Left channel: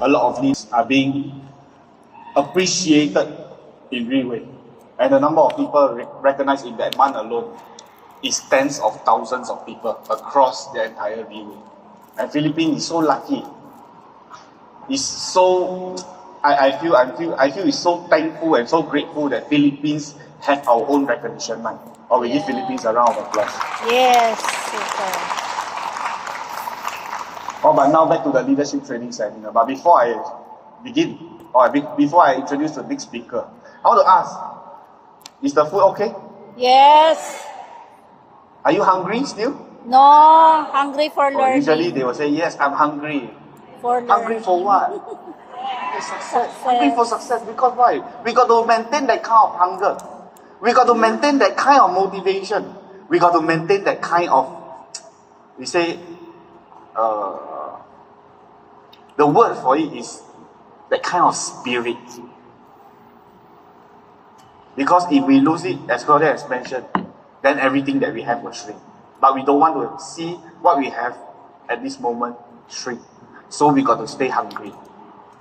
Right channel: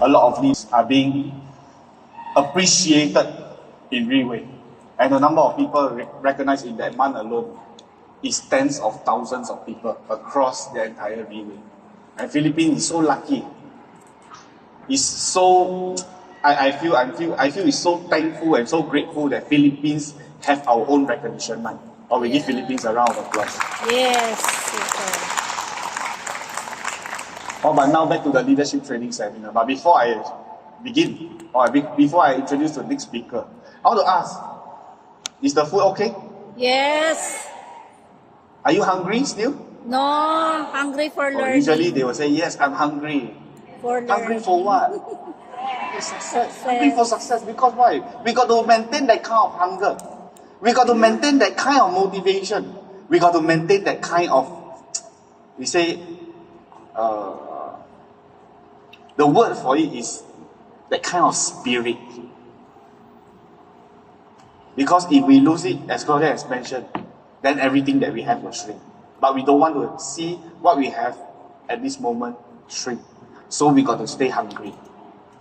a lot of needs are being appreciated in Riway. And the number of people recognized in that month alone is tens of thousands of people across the entire Riway. And Philippines is so lucky. It's so I feel it's so thankful and so grateful that Philippines have our own recognition month. Or we give Philippines a round of applause. Yes, super. Oh, but now back to the leadership training seminar. But before I begin, before I introduce the next speaker, I want to ask, is the food okay? Yes. Are you hungry still? No, hungry for learning. Usually they will say, yes, I'm hungry. For hungry for what? Success. Hungry for success. Because why? We got to maintain that kind of hunger. We got to maintain that kind of motivation. We got to maintain that kind of, we say, the word for it is that kind of spirit. Because if we lose it, as Claudia has mentioned, then everything that we have will shrink. But we don't want to see what we have at this moment shrink. So we got to stay hungry.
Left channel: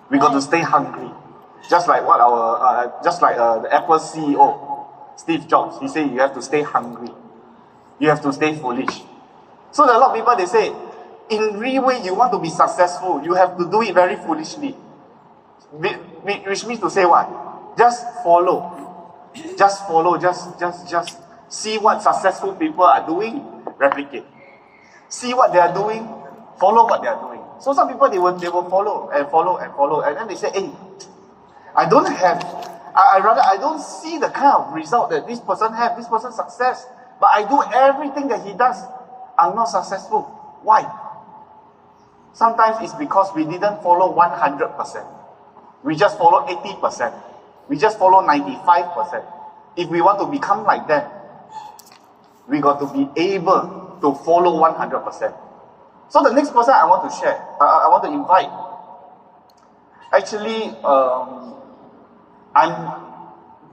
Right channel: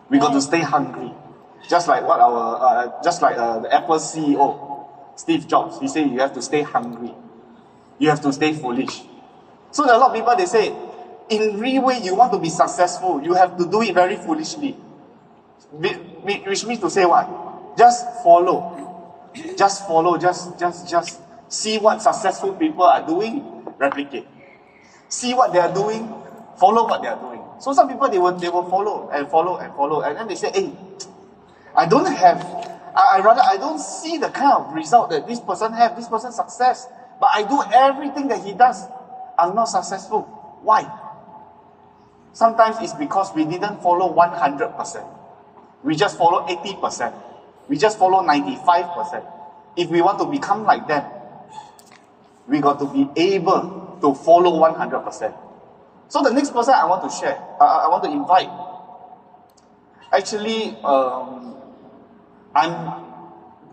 We got to stay hungry. Just like what the Apple CEO, Steve Jobs, he said you have to stay hungry. You have to stay foolish. So a lot of people, they say, in real way, you want to be successful, you have to do it very foolishly. Which means to say what? Just follow. Just follow. Just see what successful people are doing, replicate. See what they are doing, follow what they are doing. So some people, they will follow, and then they say, hey, I don't see the kind of result that this person have, this person success, but I do everything that he does. I'm not successful. Why? Sometimes it's because we didn't follow 100%. We just follow 80%. We just follow 95%. If we want to become like them, we got to be able to follow 100%. So the next person I want to share, I want to invite. Actually, I'm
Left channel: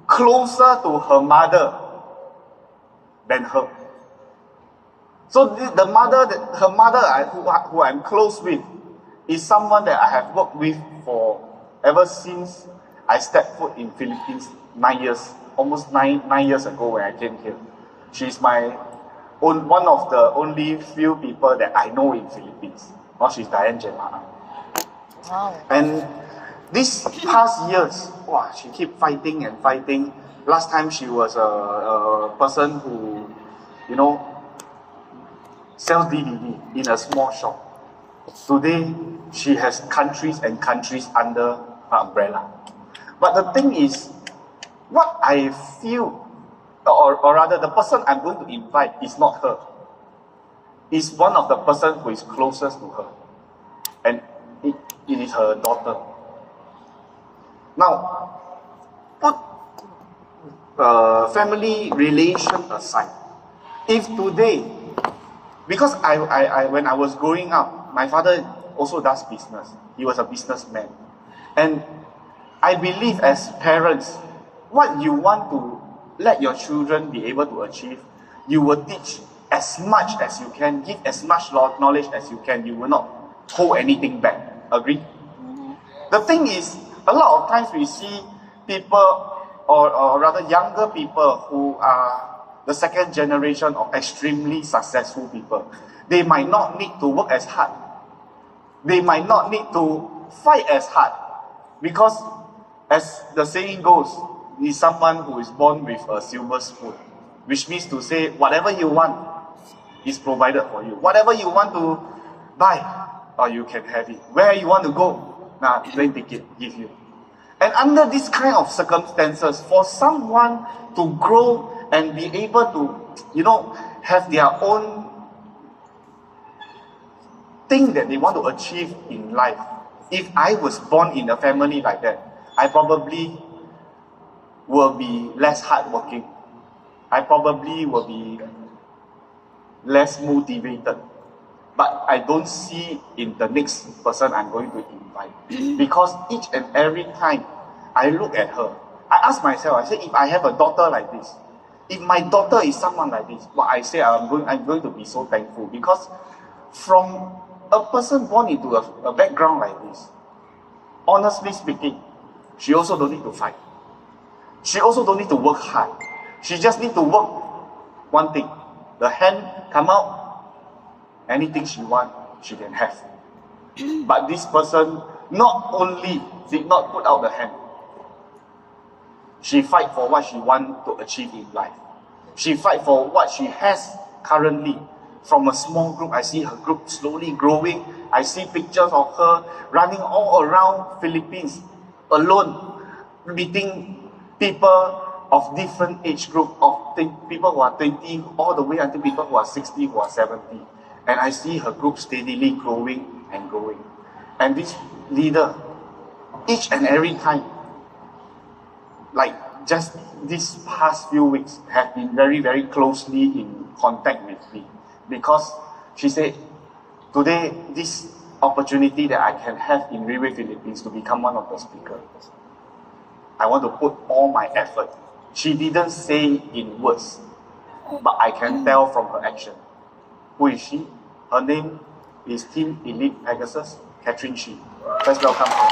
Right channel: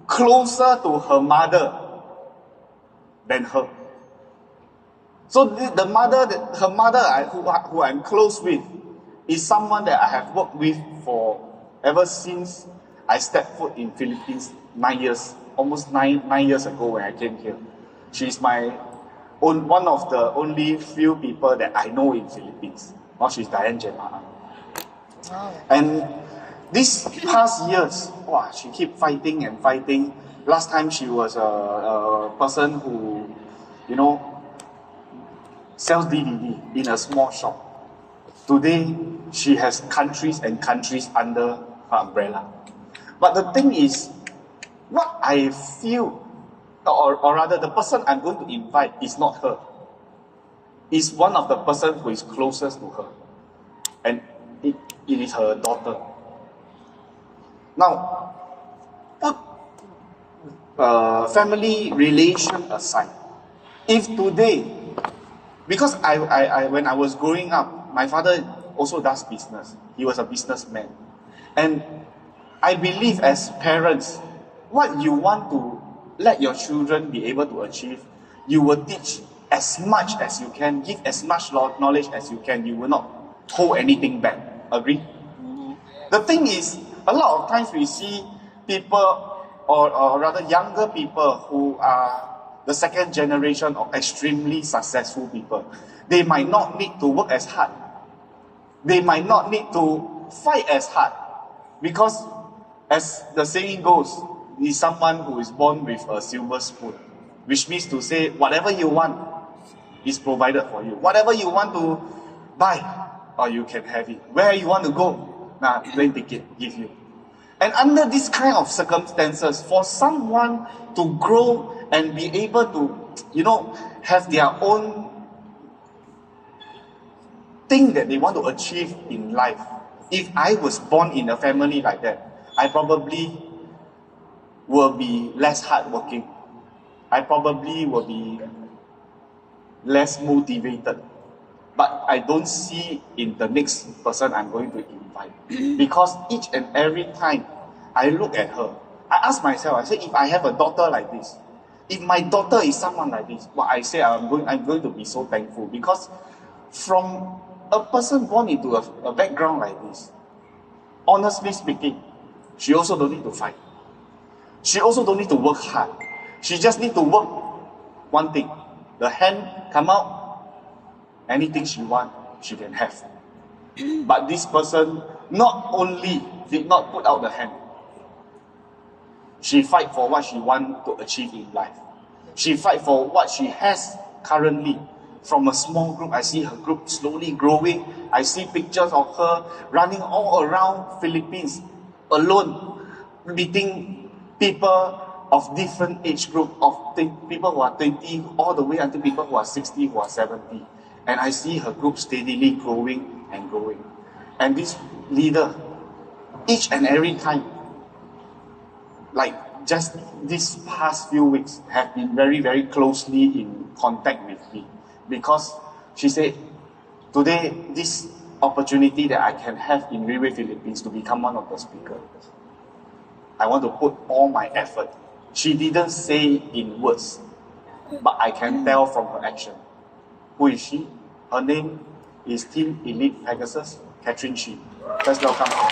closer to her mother than her. So her mother who I'm close with, is someone that I have worked with for ever since I stepped foot in Philippines 9 years, almost nine years ago when I came here. She's one of the only few people that I know in Philippines. Now she's Diane Jemana. Wow. And these past years, she keep fighting and fighting. Last time she was a person who, sells DVD in a small shop. Today, she has countries and countries under her umbrella. But the thing is, what I feel, or rather the person I'm going to invite is not her. It's one of the person who is closest to her. And it is her daughter. Now, put family relation aside. If today, because I when I was growing up, my father also does business. He was a businessman. And I believe as parents, what you want to let your children be able to achieve, you will teach as much as you can, give as much knowledge as you can. You will not hold anything back. Agree? Mm-hmm. The thing is, a lot of times we see people, or rather younger people who are the second generation of extremely successful people. They might not need to work as hard. They might not need to fight as hard. Because, as the saying goes, is someone who is born with a silver spoon. Which means to say, whatever you want is provided for you. Whatever you want to buy, or you can have it. Where you want to go, then take it, give you. And under this kind of circumstances, for someone to grow and be able to, have their own thing that they want to achieve in life. If I was born in a family like that, I probably will be less hardworking. I probably will be less motivated. But I don't see in the next person I'm going to invite. Because each and every time I look at her, I ask myself, I say, if I have a daughter like this, if my daughter is someone like this, I say I'm going to be so thankful. Because from a person born into a background like this, honestly speaking, she also don't need to fight. She also don't need to work hard. She just need to work one thing. The hand come out, anything she want, she can have. But this person not only did not put out the hand, she fight for what she want to achieve in life. She fight for what she has currently. From a small group, I see her group slowly growing. I see pictures of her running all around Philippines, alone, meeting people of different age group, of people who are 20, all the way until people who are 60, who are 70. And I see her group steadily growing and growing. And this leader, each and every time, like just these past few weeks, have been very, very closely in contact with me. Because she said, today, this opportunity that I can have in Riway, Philippines to become one of the speakers, I want to put all my effort. She didn't say in words, but I can tell from her action. Who is she? Her name is Team Elite PEGASUS Katherine. Let's welcome her.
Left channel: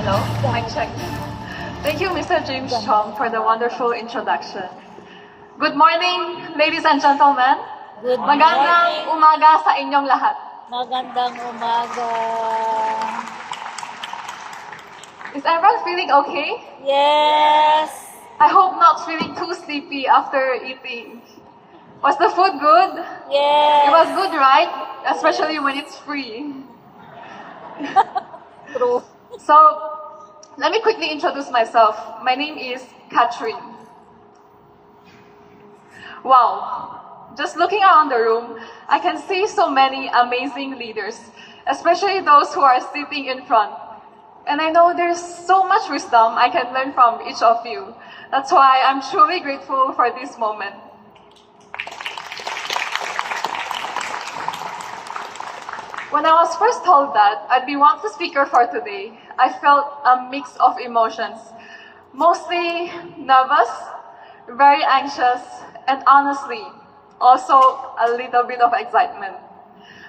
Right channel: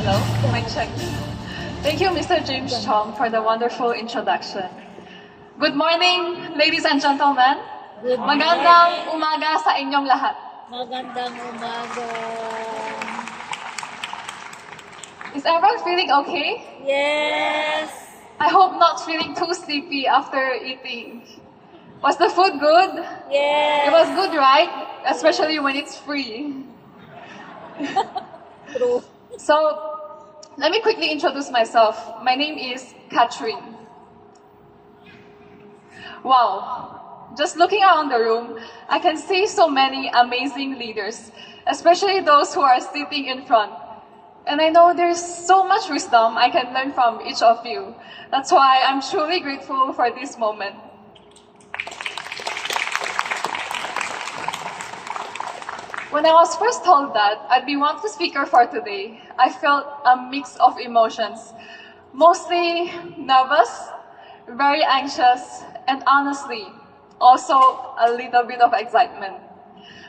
Hello, mic check. Thank you, Mr. James Chong, for the wonderful introduction. Good morning, ladies and gentlemen. Good morning. Magandang umaga sa inyong lahat. Magandang umaga. Is everyone feeling okay? Yes. I hope not feeling too sleepy after eating. Was the food good? Yes. It was good, right? Especially when it's free. True. So, let me quickly introduce myself. My name is Katherine. Wow, just looking around the room, I can see so many amazing leaders, especially those who are sitting in front. And I know there's so much wisdom I can learn from each of you. That's why I'm truly grateful for this moment. When I was first told that I'd be one of the speaker for today, I felt a mix of emotions. Mostly nervous, very anxious, and honestly, also a little bit of excitement.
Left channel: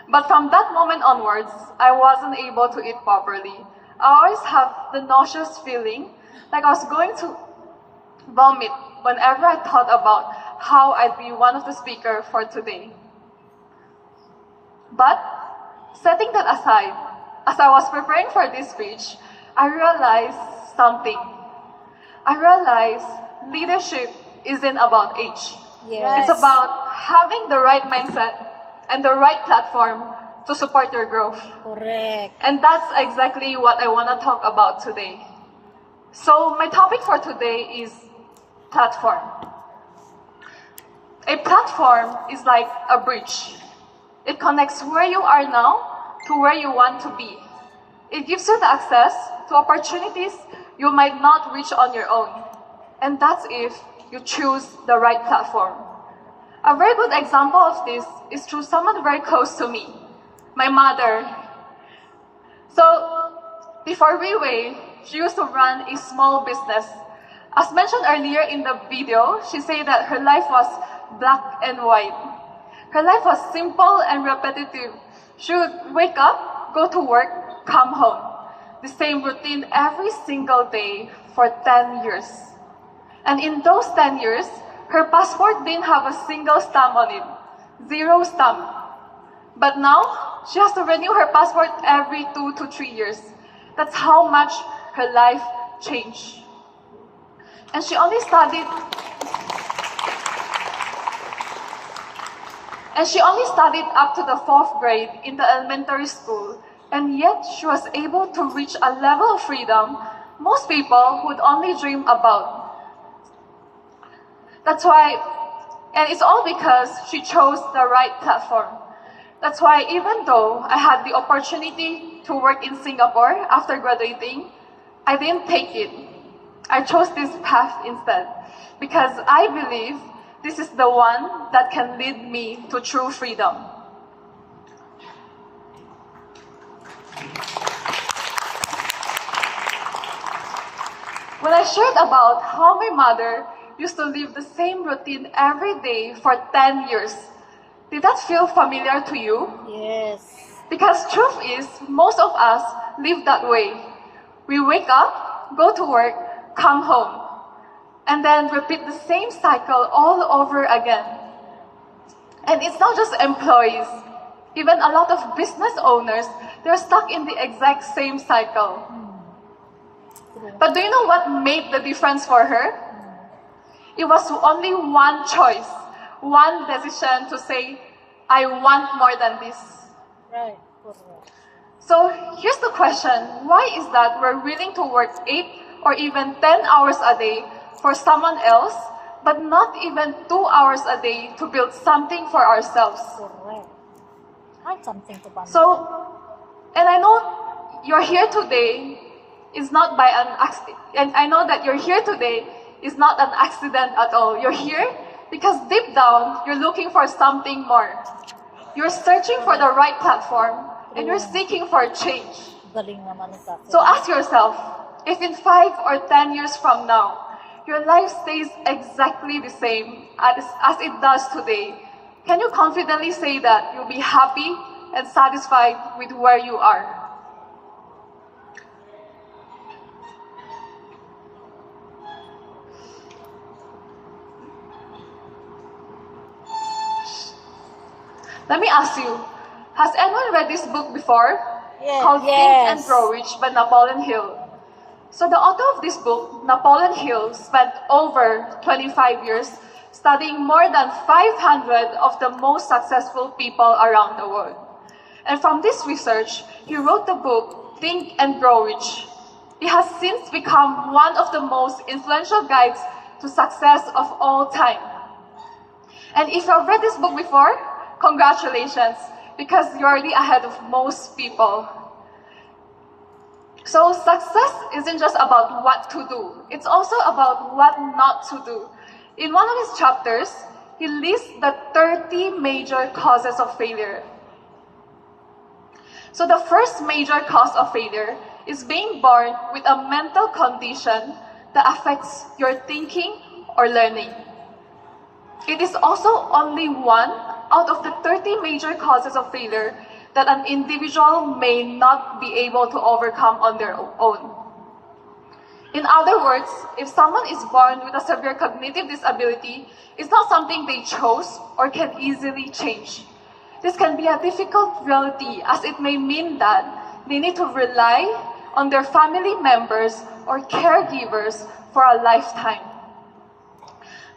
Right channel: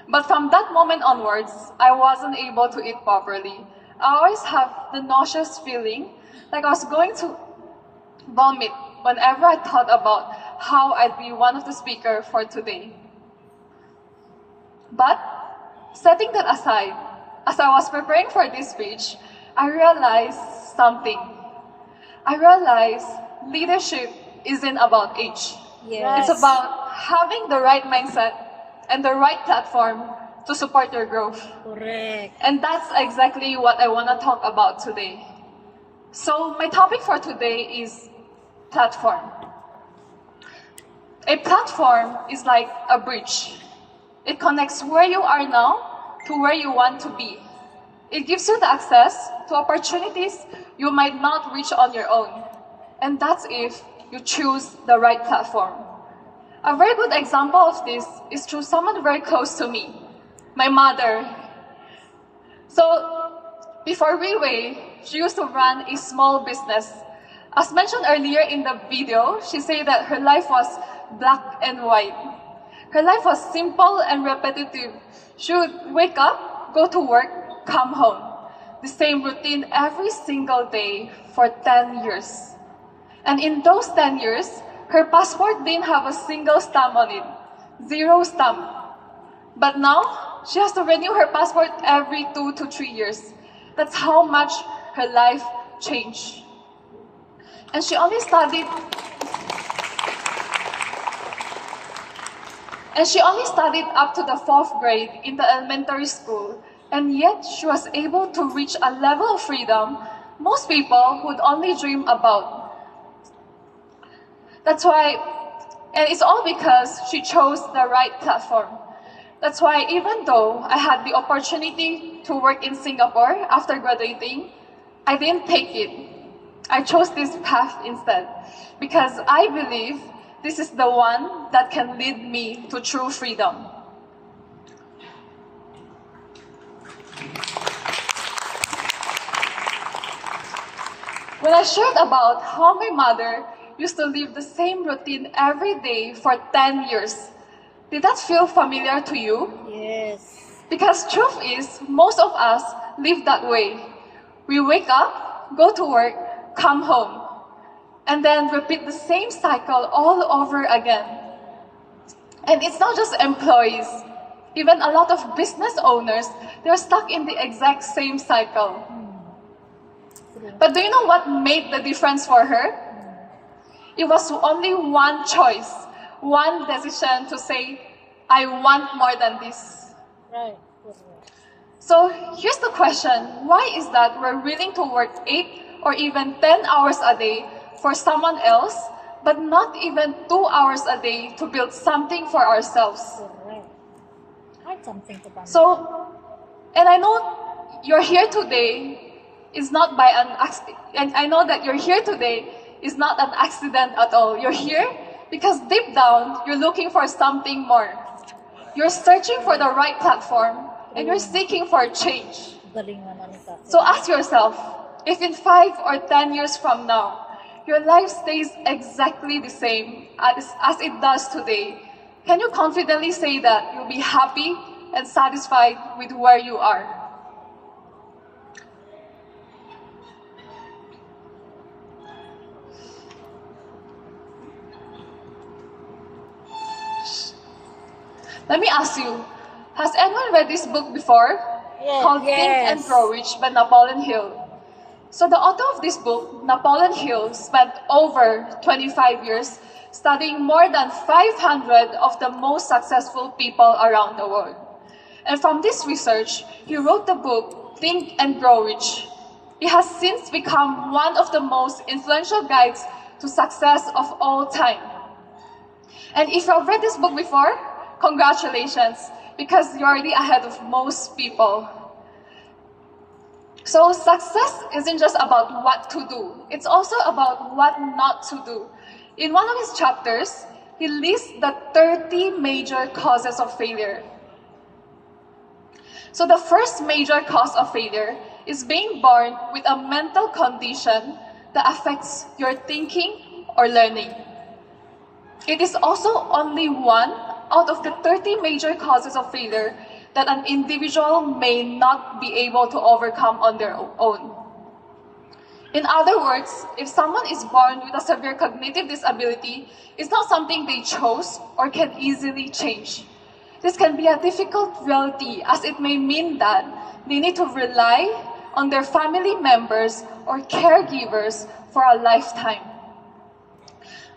But from that moment onwards, I wasn't able to eat properly. I always have the nauseous feeling like I was going to vomit whenever I thought about how I'd be one of the speaker for today. But setting that aside, as I was preparing for this speech, I realized something. I realized leadership isn't about age. Yes. It's about having the right mindset and the right platform to support your growth. Correct. And that's exactly what I want to talk about today. So my topic for today is platform. A platform is like a bridge. It connects where you are now to where you want to be. It gives you the access to opportunities you might not reach on your own. And that's if you choose the right platform. A very good example of this is through someone very close to me, my mother. So, before Riway, she used to run a small business. As mentioned earlier in the video, she said that her life was black and white. Her life was simple and repetitive. She would wake up, go to work, come home. The same routine every single day for 10 years. And in those 10 years, her passport didn't have a single stamp on it. 0 stamp. But now, she has to renew her passport every 2 to 3 years. That's how much her life changed. And she only studied up to the 4th grade in the elementary school, and yet she was able to reach a level of freedom most people would only dream about. That's why, and it's all because she chose the right platform. That's why even though I had the opportunity to work in Singapore after graduating, I didn't take it. I chose this path instead because I believe this is the one that can lead me to true freedom. When I shared about how my mother used to live the same routine every day for 10 years, did that feel familiar to you? Yes. Because truth is, most of us live that way. We wake up, go to work, come home, and then repeat the same cycle all over again. And it's not just employees. Even a lot of business owners, they're stuck in the exact same cycle. But do you know what made the difference for her? It was only one choice, one decision to say, I want more than this. Right. Correct. So here's the question, why is that we're willing to work 8 or even 10 hours a day for someone else, but not even 2 hours a day to build something for ourselves? Correct. Find something to bond. So, and I know you're here today is not by an accident, and I know that you're here today is not an accident at all. You're here because deep down, you're looking for something more. You're searching for the right platform, and you're seeking for change. Galing naman ni Katherine. So ask yourself, if in 5 or 10 years from now, your life stays exactly the same as it does today, can you confidently say that you'll be happy and satisfied with where you are? Let me ask you, has anyone read this book before? Yes. Called Think and Grow Rich by Napoleon Hill. So the author of this book, Napoleon Hill, spent over 25 years studying more than 500 of the most successful people around the world. And from this research, he wrote the book, Think and Grow Rich. It has since become one of the most influential guides to success of all time. And if you have read this book before, congratulations, because you're already ahead of most people. So success isn't just about what to do, it's also about what not to do. In one of his chapters, he lists the 30 major causes of failure. So the first major cause of failure is being born with a mental condition that affects your thinking or learning. It is also only one out of the 30 major causes of failure that an individual may not be able to overcome on their own. In other words, if someone is born with a severe cognitive disability, it's not something they chose or can easily change. This can be a difficult reality as it may mean that they need to rely on their family members or caregivers for a lifetime.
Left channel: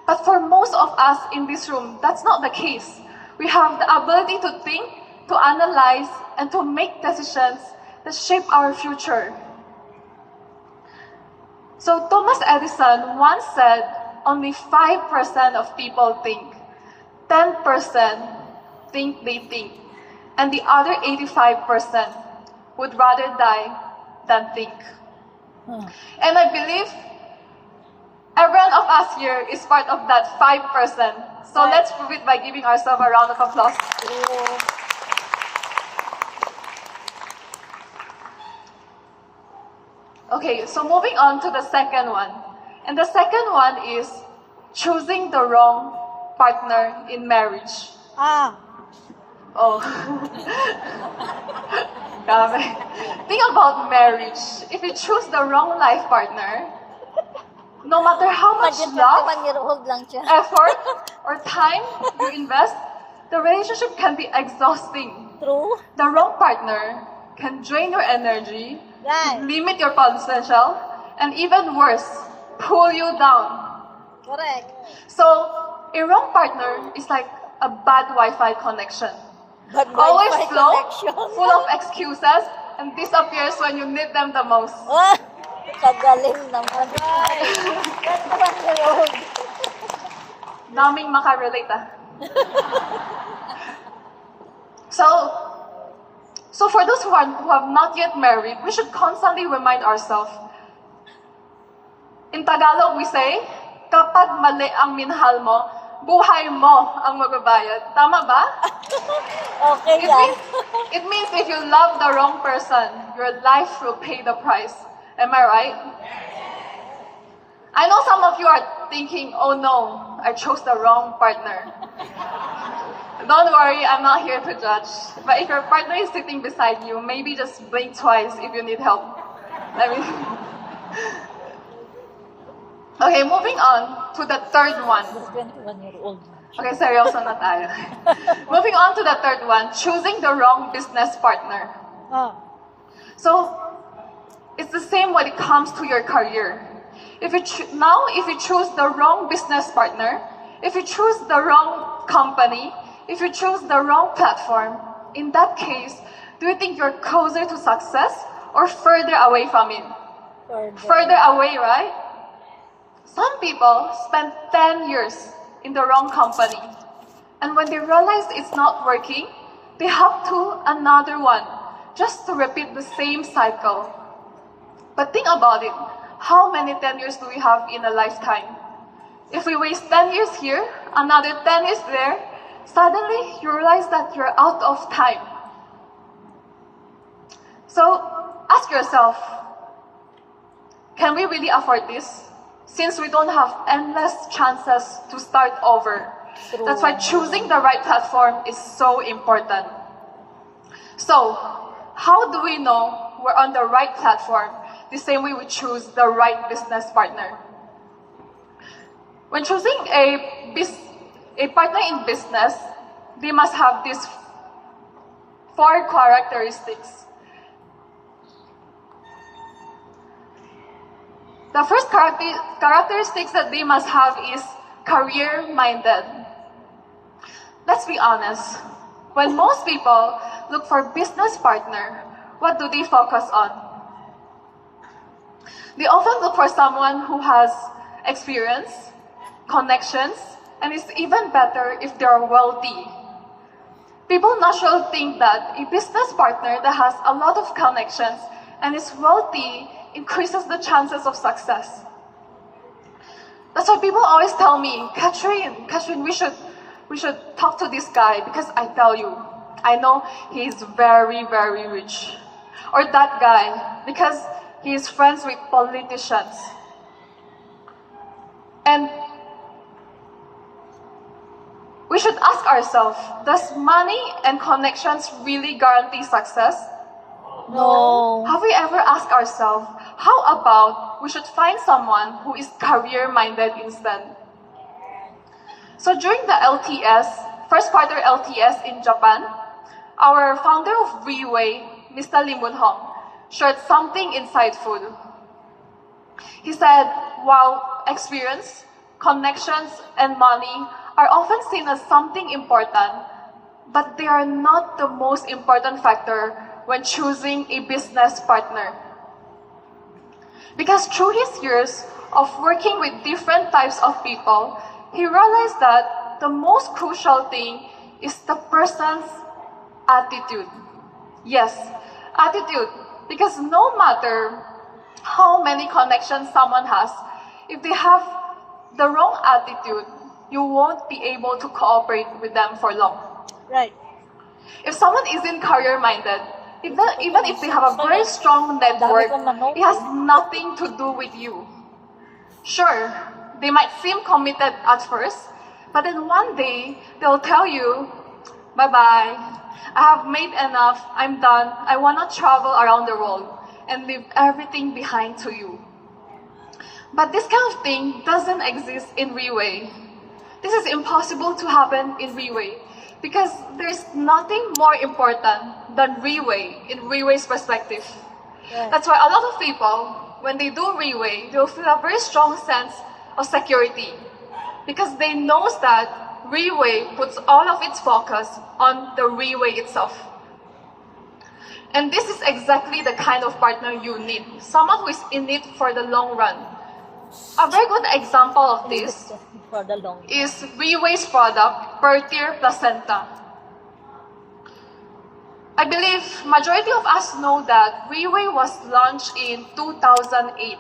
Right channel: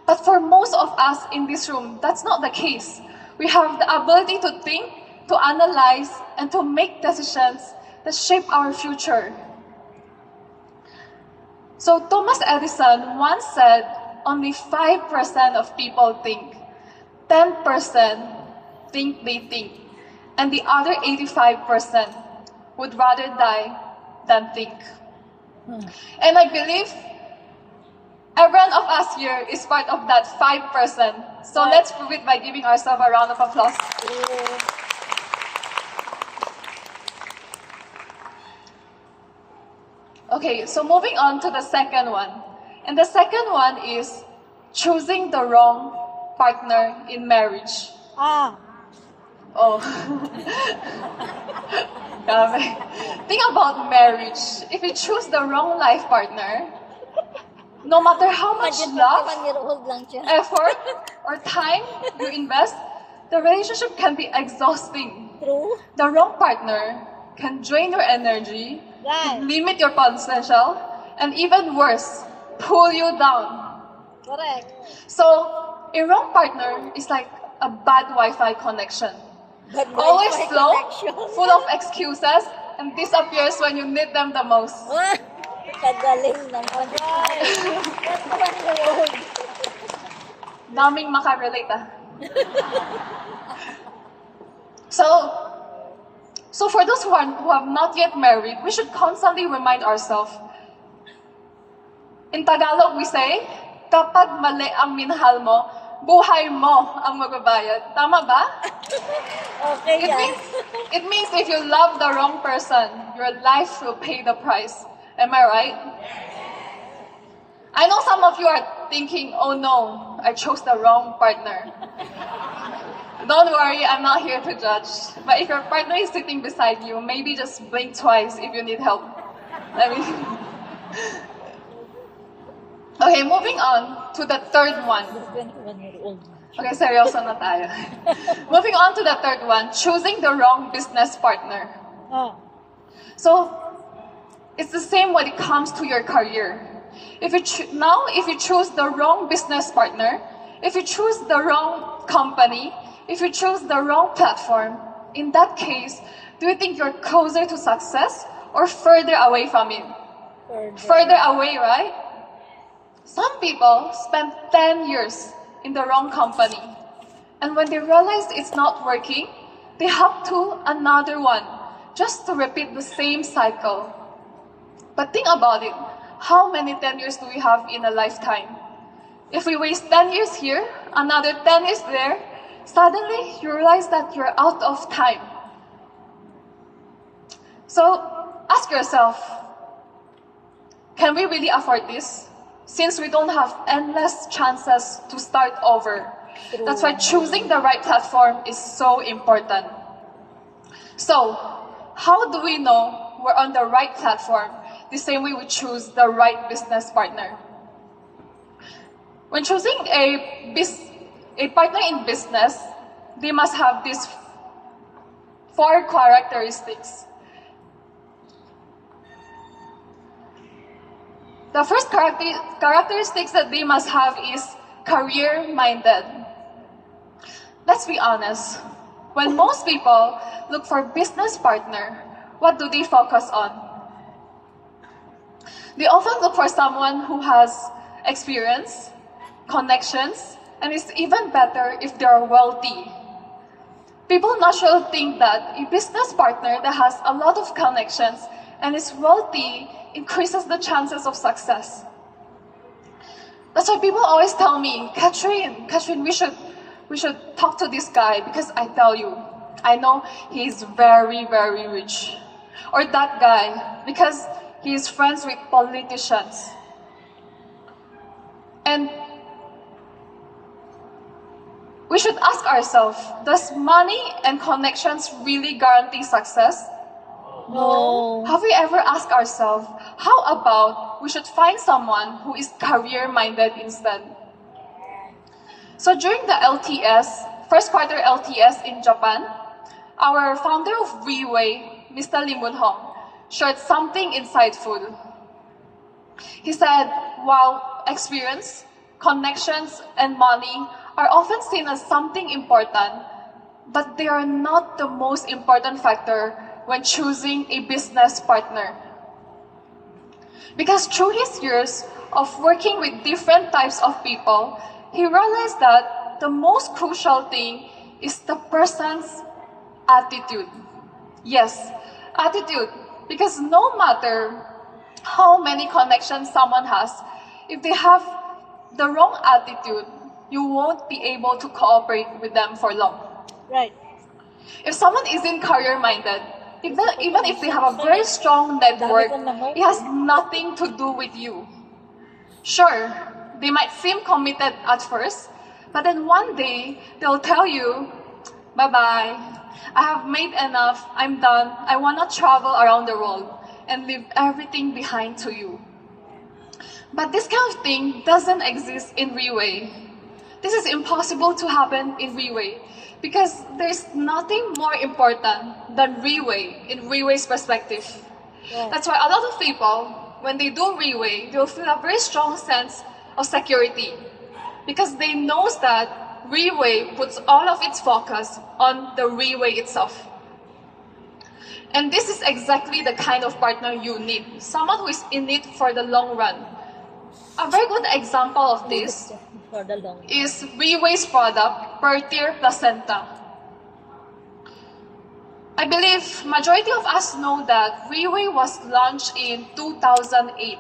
But for most of us in this room, that's not the case. We have the ability to think, to analyze, and to make decisions that shape our future. So Thomas Edison once said only 5% of people think, 10% think they think, and the other 85% would rather die than think. And I believe everyone of us here is part of that 5%. So let's prove it by giving ourselves a round of applause. Okay, so moving on to the second one. And the second one is choosing the wrong partner in marriage. Oh. Grabe. Think about marriage. If you choose the wrong life partner, no matter how much love, effort, or time you invest, the relationship can be exhausting. True. The wrong partner can drain your energy, Right. limit your potential, and even worse, pull you down. Correct. So, a wrong partner is like a bad Wi-Fi connection. But Always Wi-Fi slow, connection. full of excuses, and disappears when you need them the most. Kagaling naman. Daming makarelate ah. So for those who have not yet married, we should constantly remind ourselves. In Tagalog we say, kapag mali ang minahal mo, buhay mo ang magbabayad. Tama ba? Okay It yan. means, it means if you love the wrong person, your life will pay the price. Am I right? I know some of you are thinking, oh no, I chose the wrong partner. Don't worry, I'm not here to judge. But if your partner is sitting beside you, maybe just blink twice if you need help. I mean, okay, moving on to the third one. This 21-year-old. Okay, seryoso na tayo. Moving on to the third one, choosing the wrong business partner. Ah, So, it's the same when it comes to your career. If you choose the wrong business partner, if you choose the wrong company, if you choose the wrong platform, in that case, do you think you're closer to success or further away from it? Further away, right? Some people spend 10 years in the wrong company, and when they realize it's not working, they hop to another one just to repeat the same cycle. But think about it. How many 10 years do we have in a lifetime? If we waste 10 years here, another 10 years there, suddenly you realize that you're out of time. So ask yourself, can we really afford this? Since we don't have endless chances to start over. True. That's why choosing the right platform is so important. So, how do we know we're on the right platform? The same way we choose the right business partner. When choosing a partner in business, they must have these 4 characteristics. The first characteristics that they must have is career-minded. Let's be honest. When most people look for a business partner, what do they focus on? They often look for someone who has experience, connections, and is even better if they are wealthy. People naturally think that a business partner that has a lot of connections and is wealthy increases the chances of success. That's why people always tell me, Katherine, we should talk to this guy because I tell you, I know he's very, very rich. Or that guy, because he is friends with politicians. And we should ask ourselves, does money and connections really guarantee success? no. Have we ever asked ourselves, how about we should find someone who is career-minded instead? So during the LTS, first quarter LTS in Japan, our founder of Riway, Mr. Lim Woon-hong, shared something insightful. He said, while experience, connections, and money are often seen as something important, but they are not the most important factor when choosing a business partner. Because through his years of working with different types of people, he realized that the most crucial thing is the person's attitude. Yes, attitude. Because no matter how many connections someone has, if they have the wrong attitude, you won't be able to cooperate with them for long. Right. If someone isn't career-minded, even if they have a very strong network, it has nothing to do with you. Sure, they might seem committed at first, but then one day, they'll tell you, bye-bye, I have made enough, I'm done, I want to travel around the world and leave everything behind to you. But this kind of thing doesn't exist in Riway. This is impossible to happen in Riway because there's nothing more important than Riway in Riway's perspective. Right. That's why a lot of people, when they do Riway, they'll feel a very strong sense of security because they know that Riway puts all of its focus on the Riway itself. And this is exactly the kind of partner you need, someone who is in it for the long run. A very good example of this For the long. is Riway's product, Per Tier Placenta. I believe majority of us know that Riway was launched in 2008.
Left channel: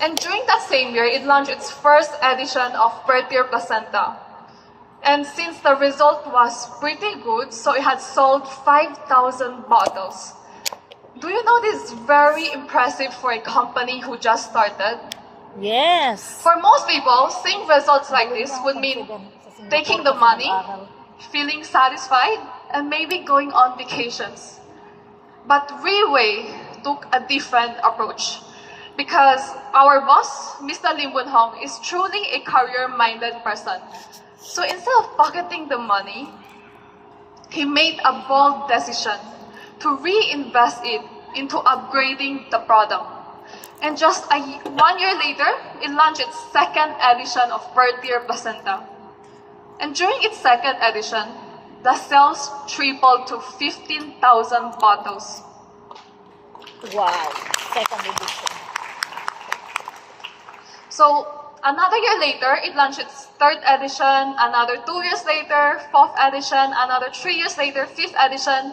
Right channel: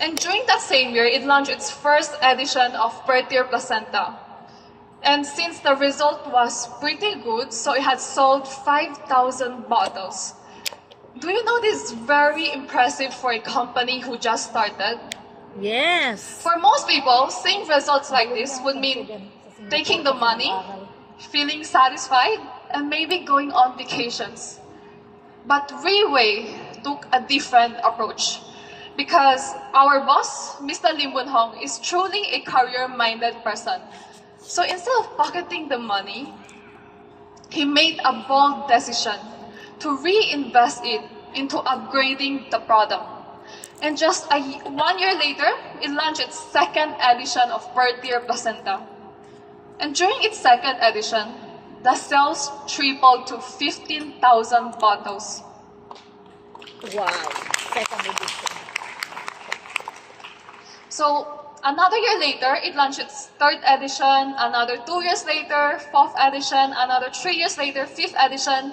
And during that same year, it launched its first edition of Per-Tier Placenta. And since the result was pretty good, so it had sold 5,000 bottles. Do you know this is very impressive for a company who just started? Yes. For most people, seeing results like this would mean taking the money, feeling satisfied, and maybe going on vacations. But Riway took a different approach because our boss, Mr. Lim Boon Hong, is truly a career-minded person. So instead of pocketing the money, he made a bold decision to reinvest it into upgrading the product. And just 1 year later, it launched its second edition of Per-Tier Placenta. And during its second edition, the sales tripled to 15,000 bottles. Wow. Second edition. So another year later, it launched its third edition, another 2 years later, fourth edition, another 3 years later, fifth edition,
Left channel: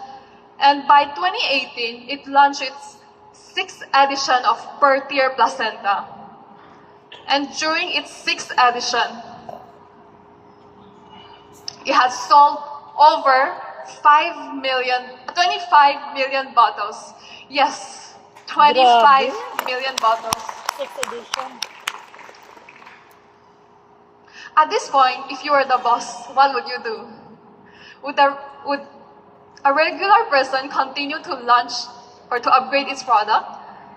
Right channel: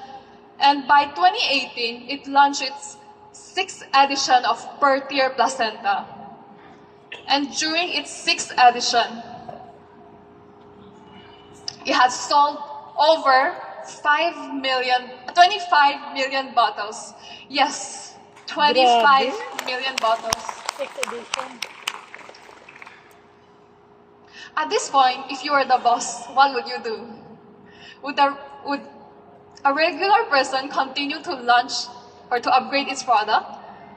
and by 2018, it launched its sixth edition of Per-Tier Placenta. And during its sixth edition, it has sold over 25 million bottles. Yes, 25 million bottles. Sixth edition. At this point, if you were the boss, what would you do? Would a regular person continue to launch or to upgrade its product?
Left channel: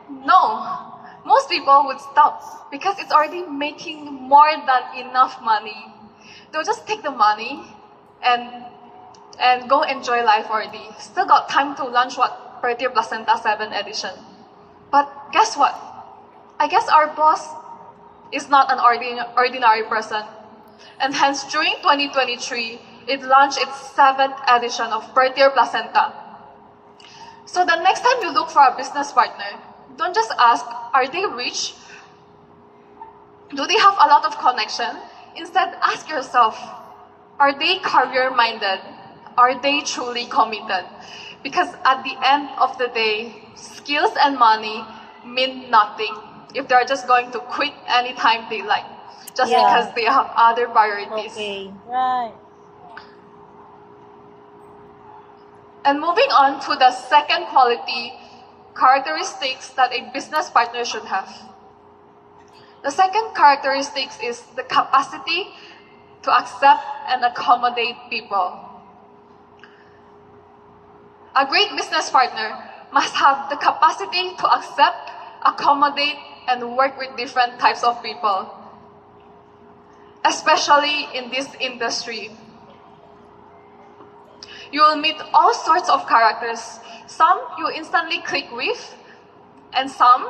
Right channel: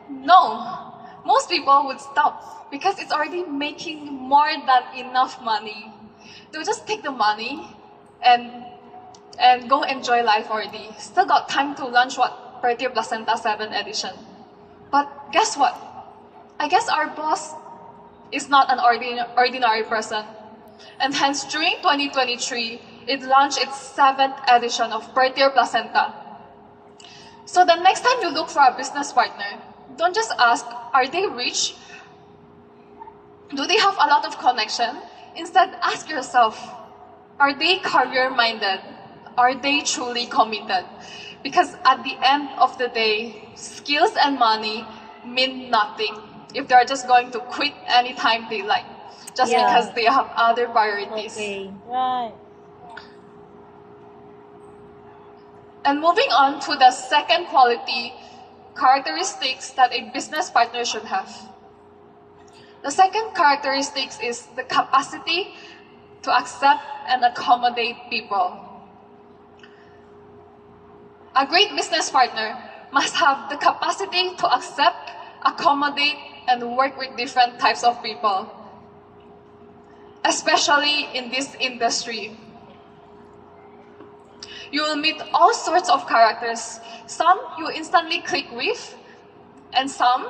No. Most people would stop because it's already making more than enough money. They'll just take the money and go enjoy life already. Still got time to launch Per-Tier Placenta 7 edition. But guess what? I guess our boss is not an ordinary person. And hence, during 2023, it launched its 7th edition of Per-Tier Placenta. So the next time you look for a business partner, don't just ask, are they rich? Do they have a lot of connection? Instead, ask yourself, are they career-minded? Are they truly committed? Because at the end of the day, skills and money mean nothing if they're just going to quit anytime they like, just because they have other priorities. Okay, right. And moving on to the second quality characteristics that a business partner should have. The second characteristic is the capacity to accept and accommodate people. A great business partner must have the capacity to accept, accommodate, and work with different types of people, especially in this industry. You will meet all sorts of characters. Some you instantly click with, and some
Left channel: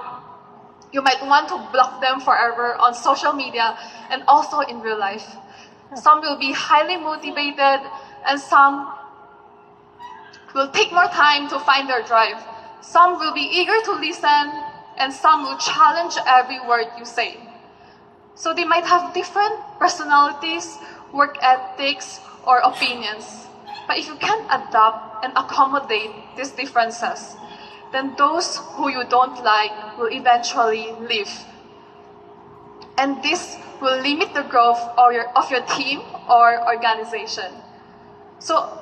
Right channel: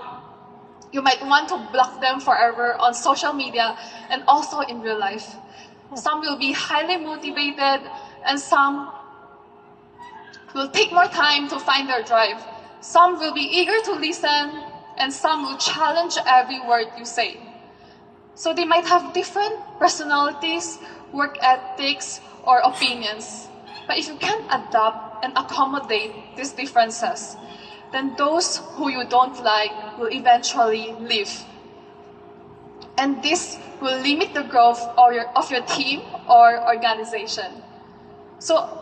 you might want to block them forever on social media and also in real life. Some will be highly motivated, and some will take more time to find their drive. Some will be eager to listen, and some will challenge every word you say. So they might have different personalities, work ethics, or opinions. But if you can't adapt and accommodate these differences, then those who you don't like will eventually leave. And this will limit the growth of your team or organization. So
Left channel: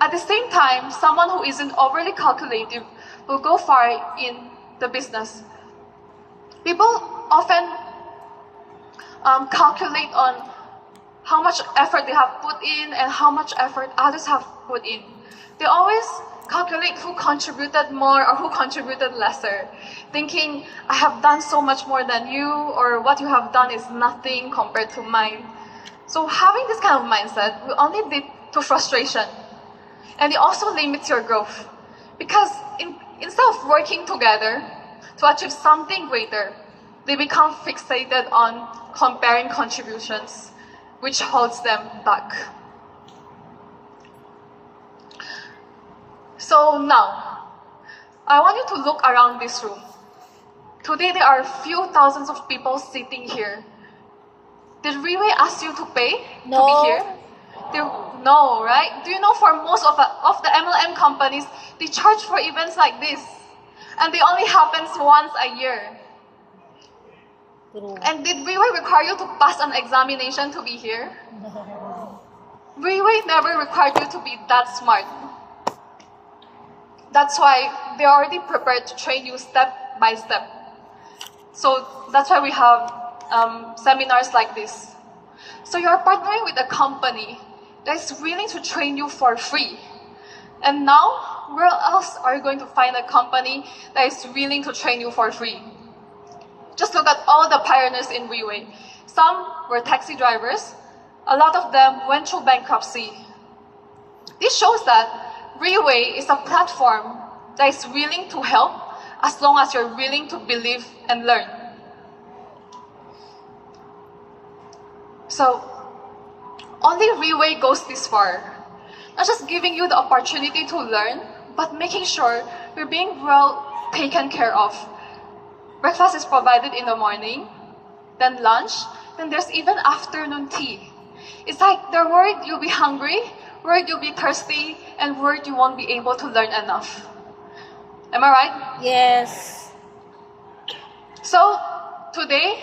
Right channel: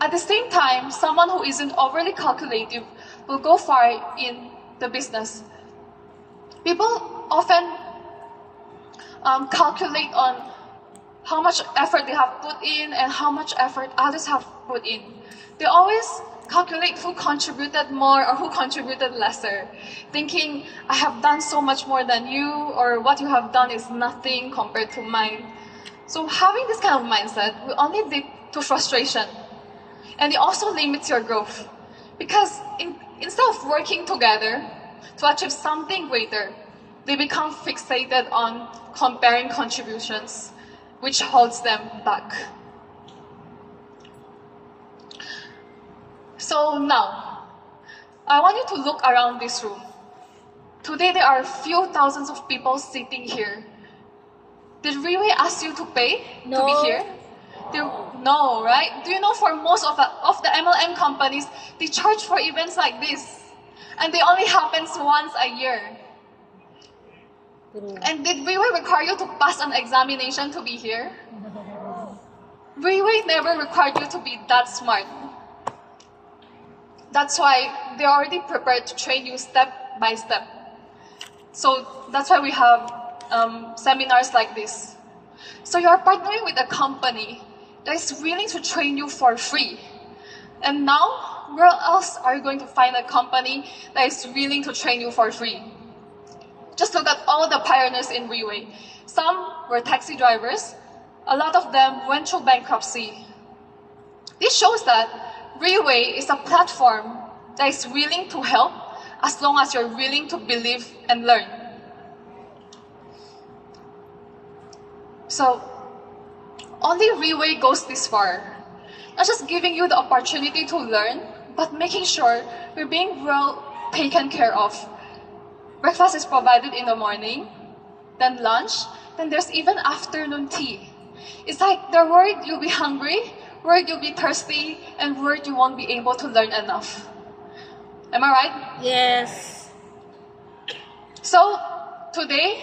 at the same time, someone who isn't overly calculative will go far in the business. People often calculate on how much effort they have put in and how much effort others have put in. They always calculate who contributed more or who contributed lesser, thinking, I have done so much more than you, or what you have done is nothing compared to mine. So having this kind of mindset will only lead to frustration, and it also limits your growth. Because instead of working together to achieve something greater, they become fixated on comparing contributions, which holds them back. So now, I want you to look around this room. Today there are a few thousands of people sitting here. Did Riway ask you to pay to be here? No, right? Do you know for most of the MLM companies, they charge for events like this. And they only happens once a year. True. And did Riway require you to pass an examination to be here? Riway never required you to be that smart. That's why they're already prepared to train you step by step. So that's why we have seminars like this. So you're partnering with a company that is willing to train you for free. And now, where else are you going to find a company that is willing to train you for free? Just look at all the pioneers in Riway. Some were taxi drivers. A lot of them went through bankruptcy. This shows that Riway is a platform that is willing to help as long as you're willing to believe and learn. So, only Riway goes this far. Not just giving you the opportunity to learn, but making sure you're being well taken care of. Breakfast is provided in the morning, then lunch, then there's even afternoon tea. It's like they're worried you'll be hungry, worried you'll be thirsty, and worried you won't be able to learn enough. Am I right? Yes. So, today,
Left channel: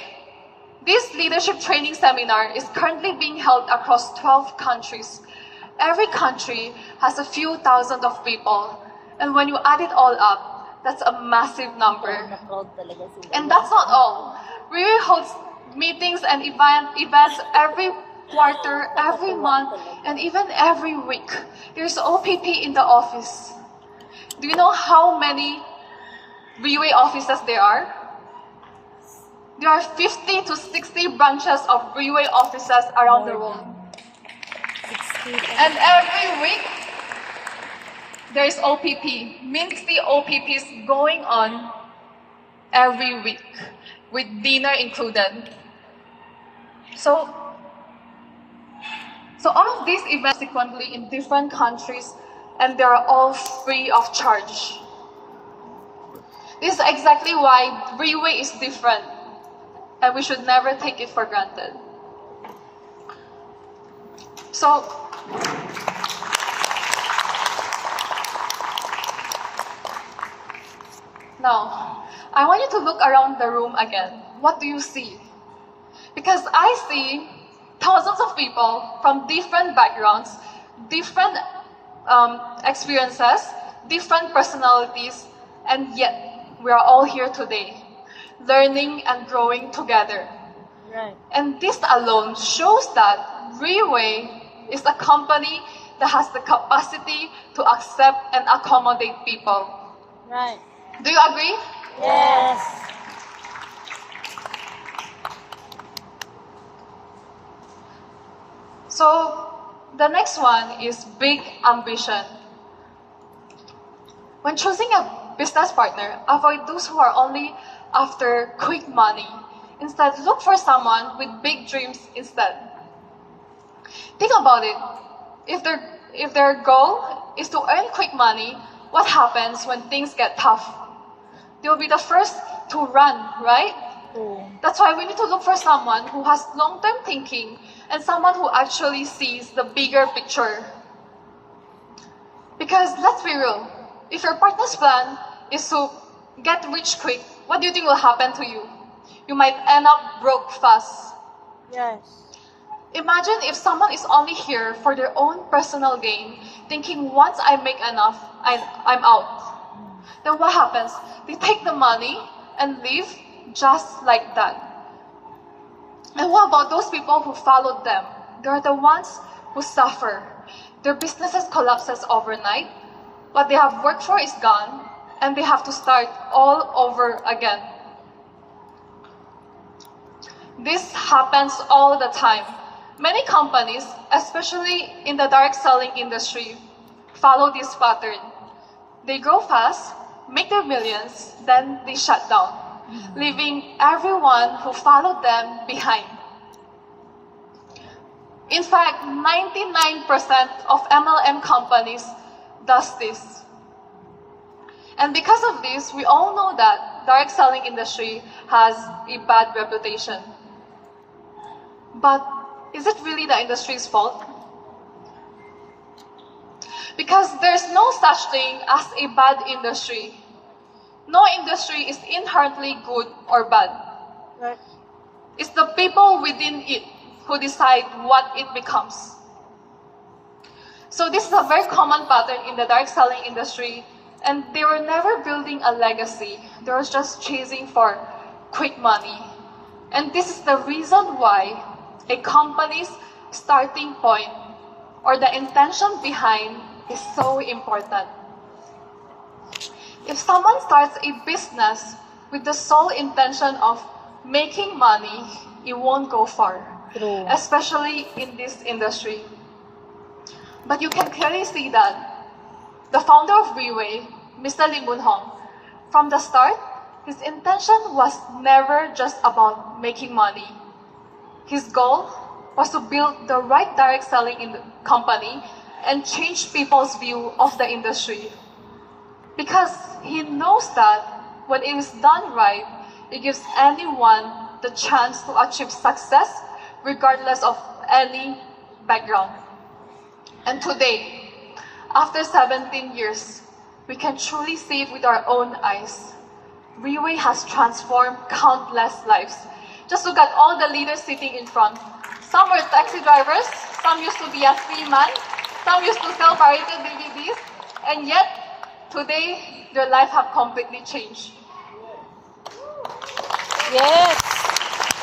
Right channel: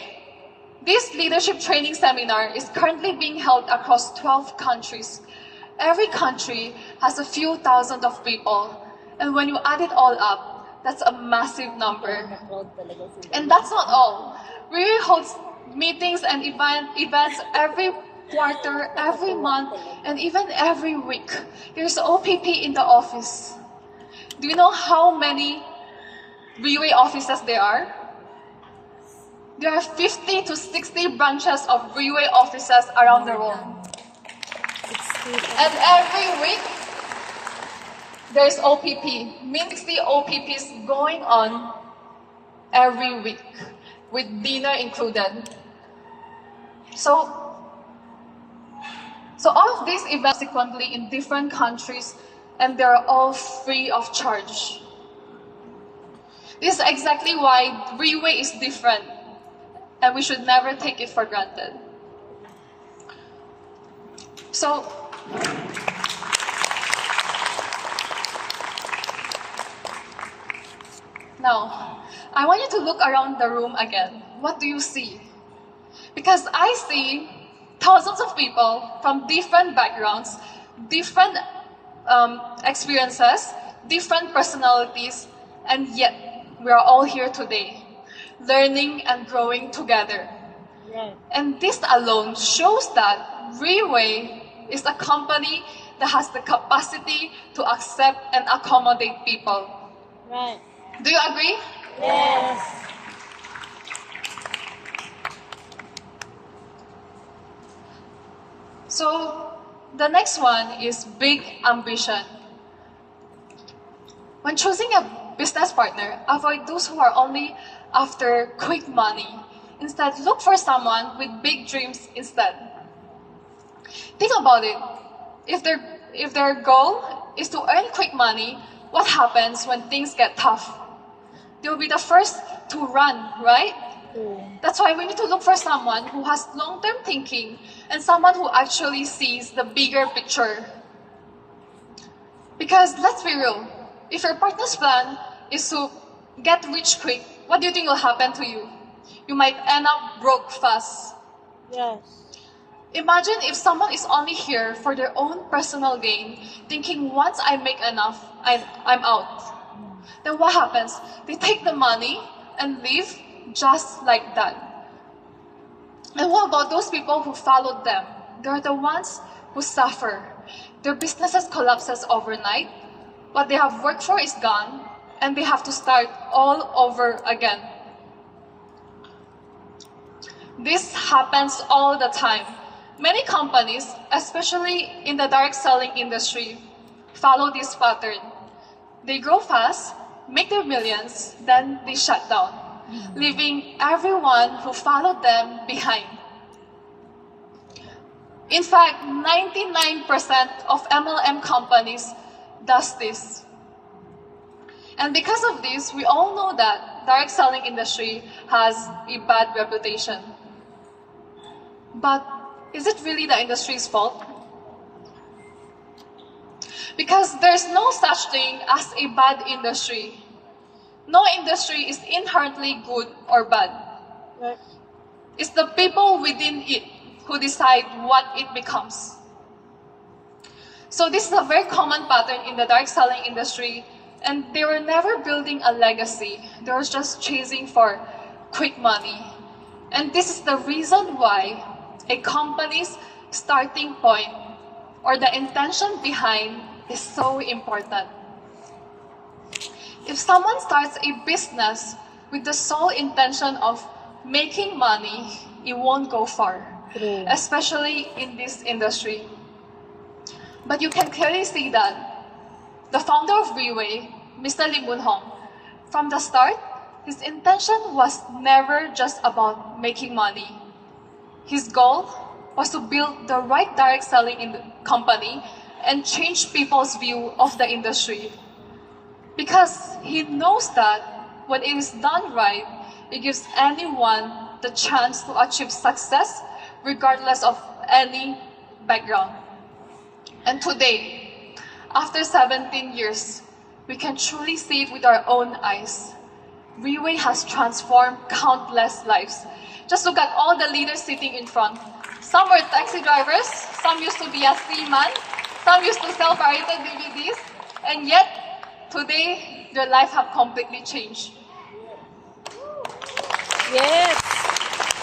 this leadership training seminar is currently being held across 12 countries. Every country has a few thousand of people, and when you add it all up, that's a massive number. And that's not all. We host meetings and events every quarter, every month, and even every week. There's OPP in the office. Do you know how many Riway offices there are? There are 50 to 60 branches of Riway offices around the world. And every week, there's OPP, means 60 OPPs going on every week, with dinner included. So all of these events subsequently in different countries, and they're all free of charge. This is exactly why Riway is different, and we should never take it for granted. So, now, I want you to look around the room again. What do you see? Because I see thousands of people from different backgrounds, different experiences, different personalities, and yet we are all here today, learning and growing together. Right. And this alone shows that Riway is a company that has the capacity to accept and accommodate people. Right. Do you agree? Yes. So, the next one is big ambition. When choosing a business partner, avoid those who are only after quick money. Instead, look for someone with big dreams instead. Think about it. If their goal is to earn quick money, what happens when things get tough? They'll be the first to run, right? That's why we need to look for someone who has long-term thinking and someone who actually sees the bigger picture. Because let's be real, if your partner's plan is to get rich quick, what do you think will happen to you? You might end up broke fast. Yes. Imagine if someone is only here for their own personal gain, thinking once I make enough, I'm out. Then what happens? They take the money and leave just like that. And what about those people who followed them? They're the ones who suffer. Their businesses collapses overnight. What they have worked for is gone, and they have to start all over again. This happens all the time. Many companies, especially in the direct selling industry, follow this pattern. They grow fast, make their millions, then they shut down, leaving everyone who followed them behind. In fact, 99% of MLM companies does this. And because of this, we all know that direct selling industry has a bad reputation. But is it really the industry's fault? Because there's no such thing as a bad industry. No industry is inherently good or bad. Right. It's the people within it who decide what it becomes. So this is a very common pattern in the direct selling industry, and they were never building a legacy. They were just chasing for quick money. And this is the reason why a company's starting point or the intention behind is so important. If someone starts a business with the sole intention of making money, it won't go far, True. especially in this industry. But you can clearly see that the founder of Riway, Mr. Lim Boon Hong, from the start, his intention was never just about making money. His goal was to build the right direct selling company and change people's view of the industry. Because he knows that when it is done right, it gives anyone the chance to achieve success regardless of any background. And today, after 17 years, we can truly see it with our own eyes. Riway has transformed countless lives. Just look at all the leaders sitting in front. Some were taxi drivers, some used to be a seaman, some used to sell pirated DVDs, and yet, today, their life have completely changed. Yes.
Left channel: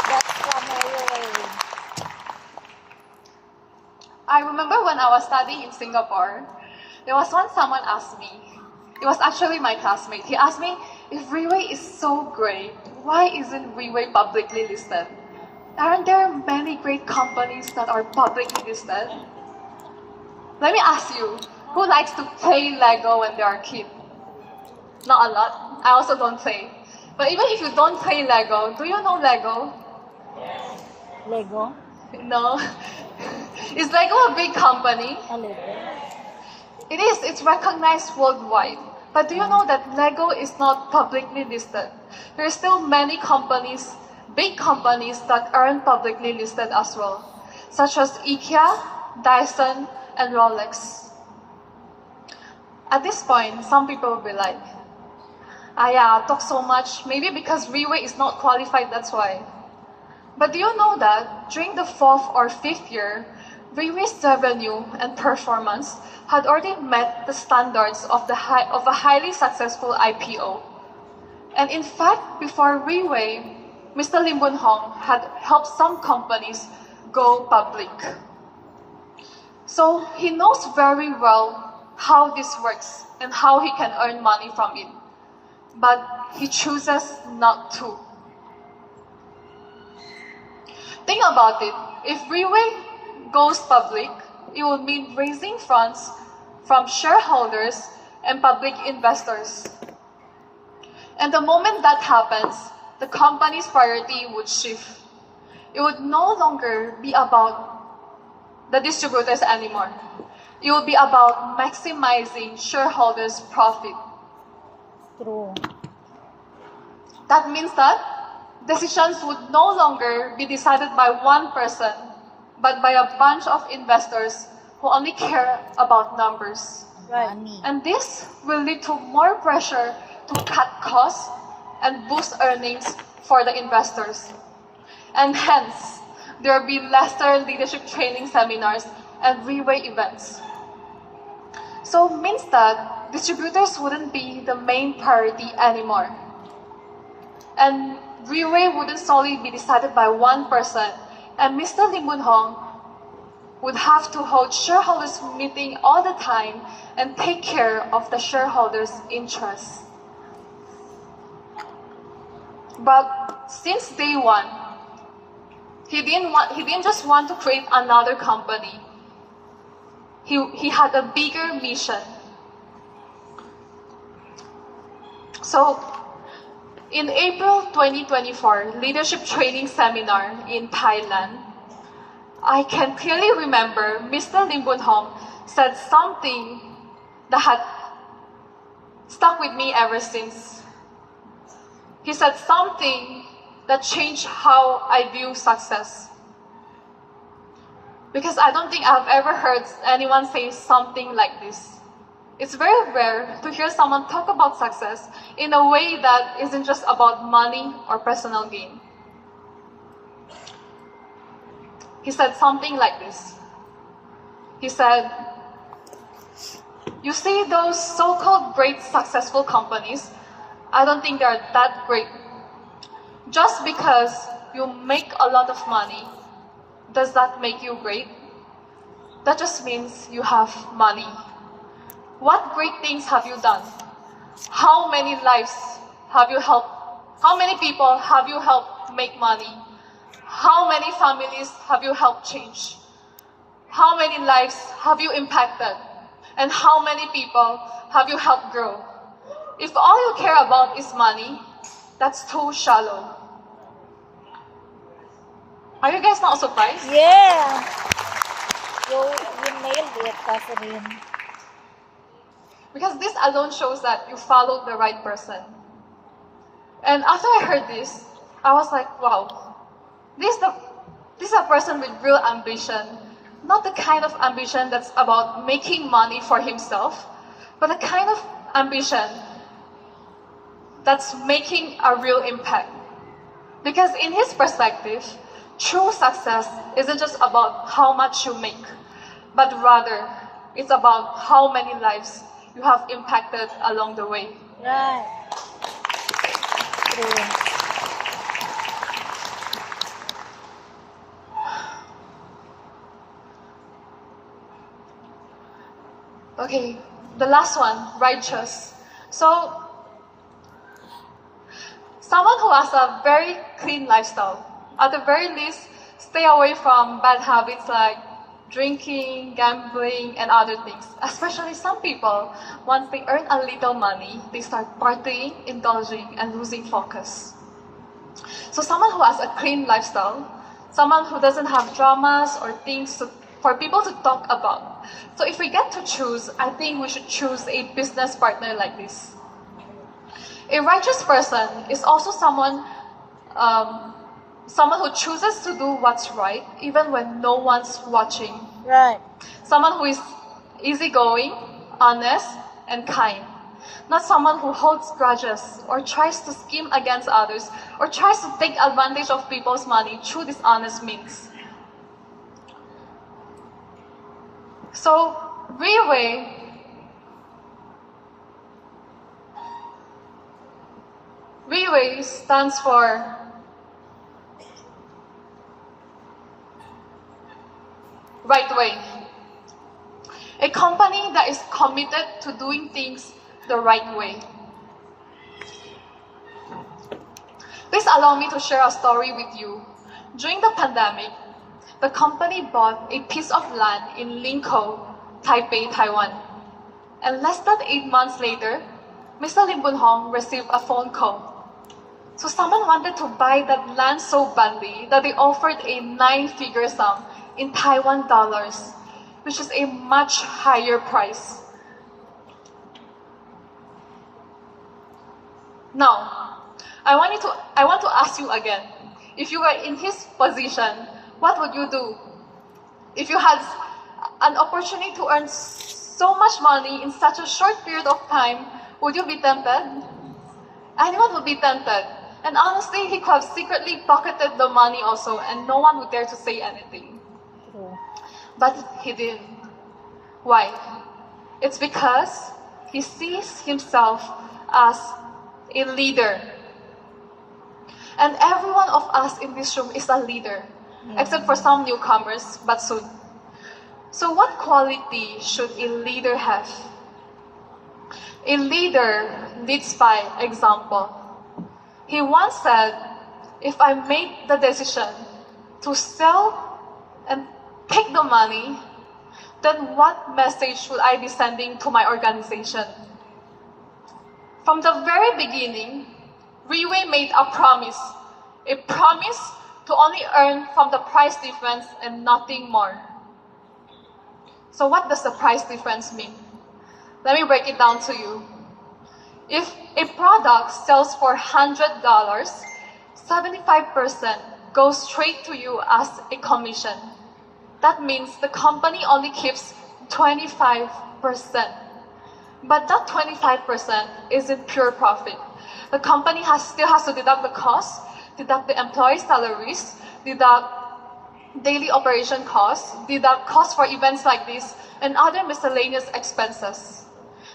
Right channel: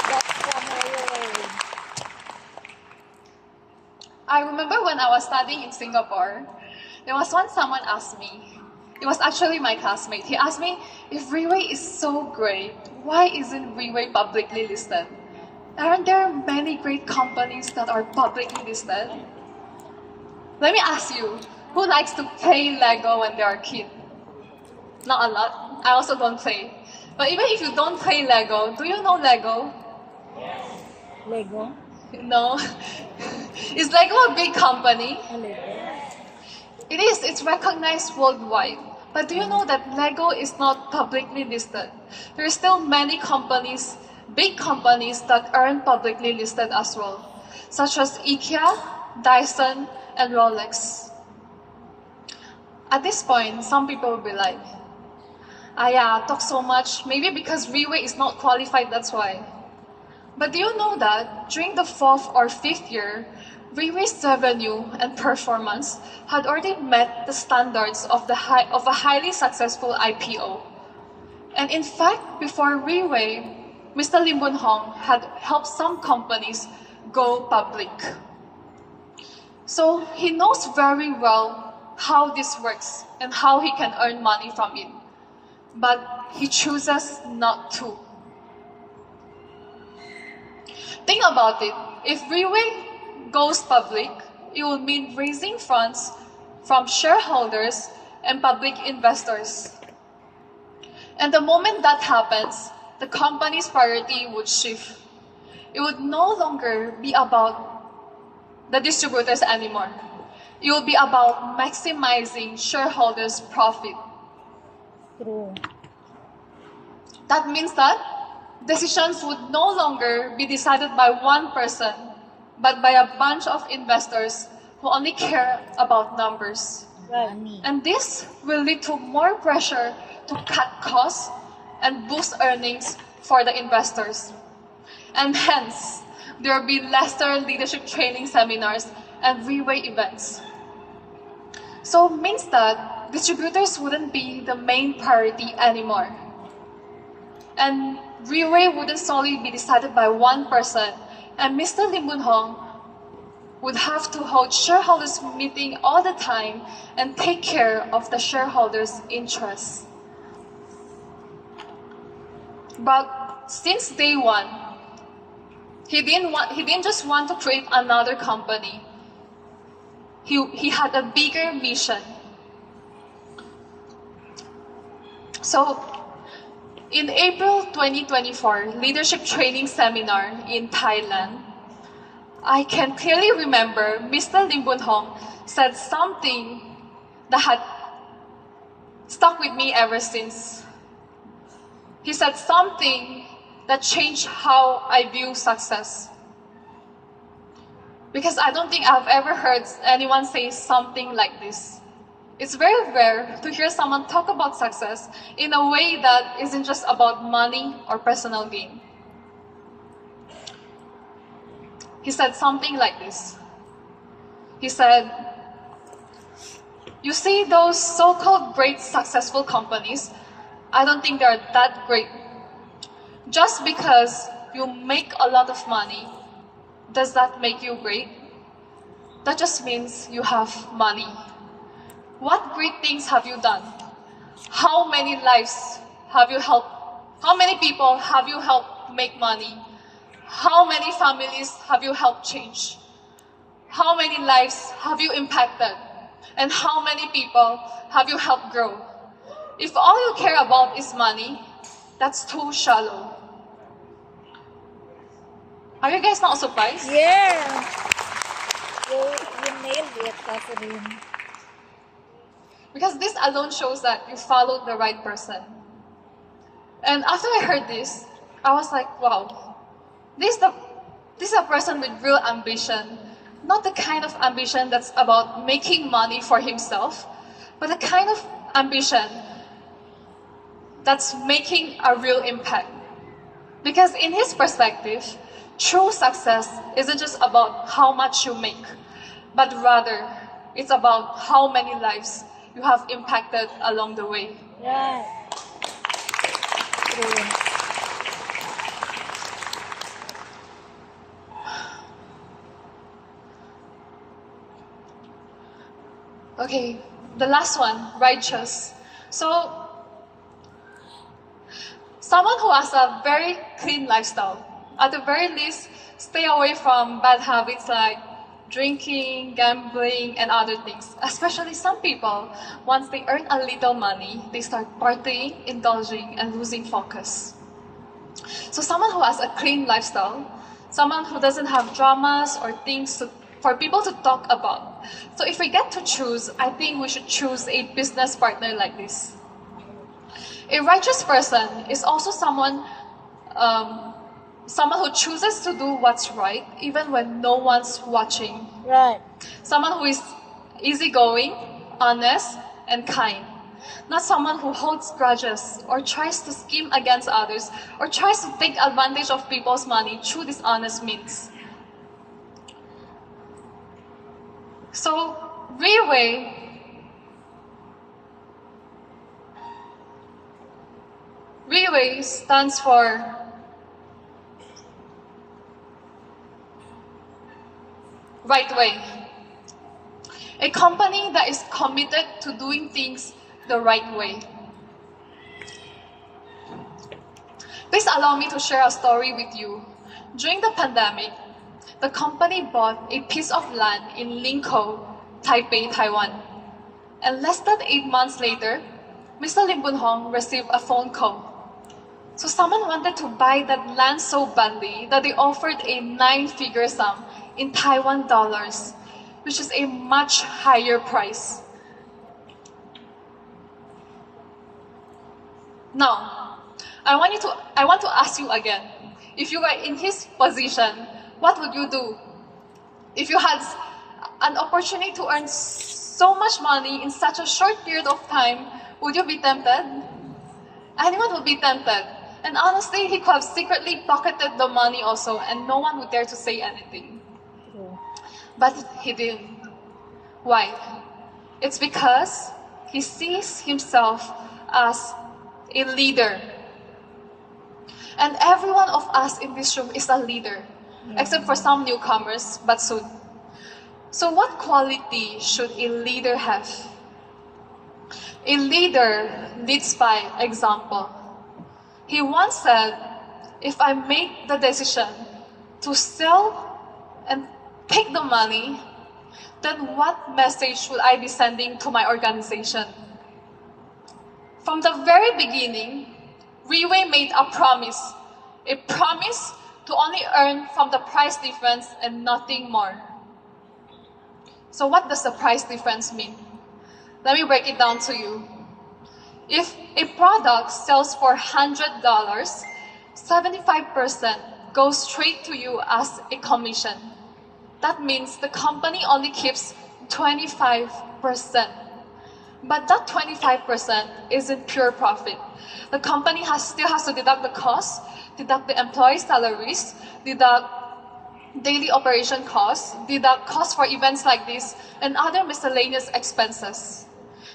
That's from Riway. I remember when I was studying in Singapore, there was once someone asked me, it was actually my classmate, he asked me, if Riway is so great, why isn't Riway publicly listed? Aren't there many great companies that are publicly listed? Let me ask you, who likes to play Lego when they are a kid? Not a lot. I also don't play. But even if you don't play Lego, do you know Lego? Lego. No. Is Lego a big company? A Lego. It is. It's recognized worldwide. But do you know that Lego is not publicly listed? There are still many companies, big companies that aren't publicly listed as well, such as IKEA, Dyson, and Rolex. At this point, some people will be like, yeah, talk so much, maybe because Riway is not qualified, that's why. But do you know that during the 4th or 5th year, Riway's revenue and performance had already met the standards of a highly successful IPO. And in fact, before Riway, Mr. Lim Boon Hong had helped some companies go public. So he knows very well how this works and how he can earn money from it. But he chooses not to. Think about it. If Riway goes public, it will mean raising funds from shareholders and public investors. And the moment that happens, the company's priority would shift. It would no longer be about the distributors anymore. It will be about maximizing shareholders' profit. True. That means that decisions would no longer be decided by one person, but by a bunch of investors who only care about numbers. Right. And this will lead to more pressure to cut costs and boost earnings for the investors. And hence, there will be lesser leadership training seminars and Riway events. So it means that distributors wouldn't be the main priority anymore. And Riway wouldn't solely be decided by one person, and Mr. Lim Boon Hong would have to hold shareholders meeting all the time and take care of the shareholders' interests. But since day one, he didn't just want to create another company. He had a bigger mission. So, in April 2024, leadership training seminar in Thailand, I can clearly remember Mr. Lim Boon Hong said something that had stuck with me ever since. He said something that changed how I view success. Because I don't think I've ever heard anyone say something like this. It's very rare to hear someone talk about success in a way that isn't just about money or personal gain. He said something like this. He said, "You see those so-called great successful companies, I don't think they're that great. Just because you make a lot of money, does that make you great? That just means you have money. What great things have you done? How many lives have you helped? How many people have you helped make money? How many families have you helped change? How many lives have you impacted? And how many people have you helped grow? If all you care about is money, that's too shallow." Are you guys not surprised? Yeah. You nailed it, Catherine. Because this alone shows that you followed the right person. And after I heard this, I was like, wow, this is a person with real ambition. Not the kind of ambition that's about making money for himself, but the kind of ambition that's making a real impact. Because in his perspective, true success isn't just about how much you make, but rather it's about how many lives you have impacted along the way. Right. True. Okay, the last one, righteous. So, someone who has a very clean lifestyle, at the very least, stay away from bad habits like drinking, gambling, and other things. Especially some people, once they earn a little money, they start partying, indulging, and losing focus. So someone who has a clean lifestyle, someone who doesn't have dramas or things for people to talk about. So if we get to choose, I think we should choose a business partner like this. A righteous person is also someone who chooses to do what's right even when no one's watching. Right. Someone who is easygoing, honest, and kind. Not someone who holds grudges or tries to scheme against others or tries to take advantage of people's money through dishonest means. So, Riway stands for right way. A company that is committed to doing things the right way. Please allow me to share a story with you. During the pandemic, the company bought a piece of land in Linkou, Taipei, Taiwan. And less than 8 months later, Mr. Lim Boon Hong received a phone call. So someone wanted to buy that land so badly that they offered a 9-figure sum in Taiwan dollars, which is a much higher price. Now, I want to ask you again, if you were in his position, what would you do? If you had an opportunity to earn so much money in such a short period of time, would you be tempted? Anyone would be tempted. And honestly, he could have secretly pocketed the money also, and no one would dare to say anything. True. But he didn't. Why? It's because he sees himself as a leader. And every one of us in this room is a leader, except for some newcomers, but soon. So what quality should a leader have? A leader leads by example. He once said, if I make the decision to sell and take the money, then what message should I be sending to my organization? From the very beginning, Riway made a promise to only earn from the price difference and nothing more. So what does the price difference mean? Let me break it down to you. If a product sells for $100, 75% goes straight to you as a commission. That means the company only keeps 25%. But that 25% isn't pure profit. The company still has to deduct the costs, deduct the employee salaries, deduct daily operation costs, deduct costs for events like this, and other miscellaneous expenses.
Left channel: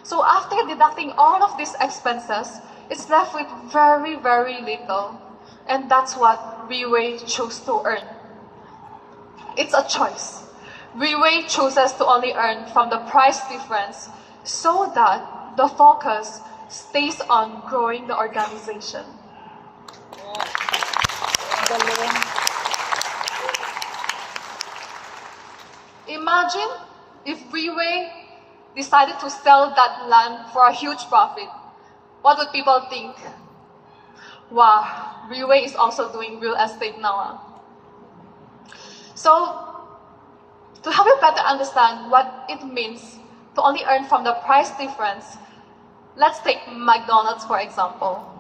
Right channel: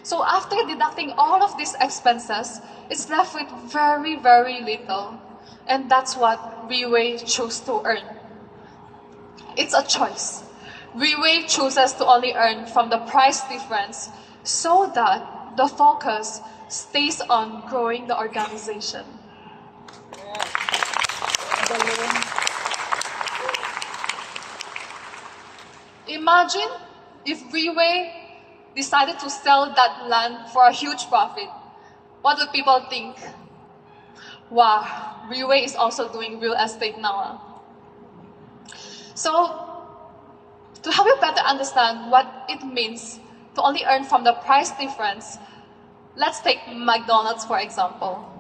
So after deducting all of these expenses, it's left with very, very little. And that's what Riway chose to earn. It's a choice. Riway chooses to only earn from the price difference so that the focus stays on growing the organization. Galing. Imagine if Riway decided to sell that land for a huge profit. What would people think? Wow, Riway is also doing real estate now. So, to help you better understand what it means to only earn from the price difference, let's take McDonald's for example.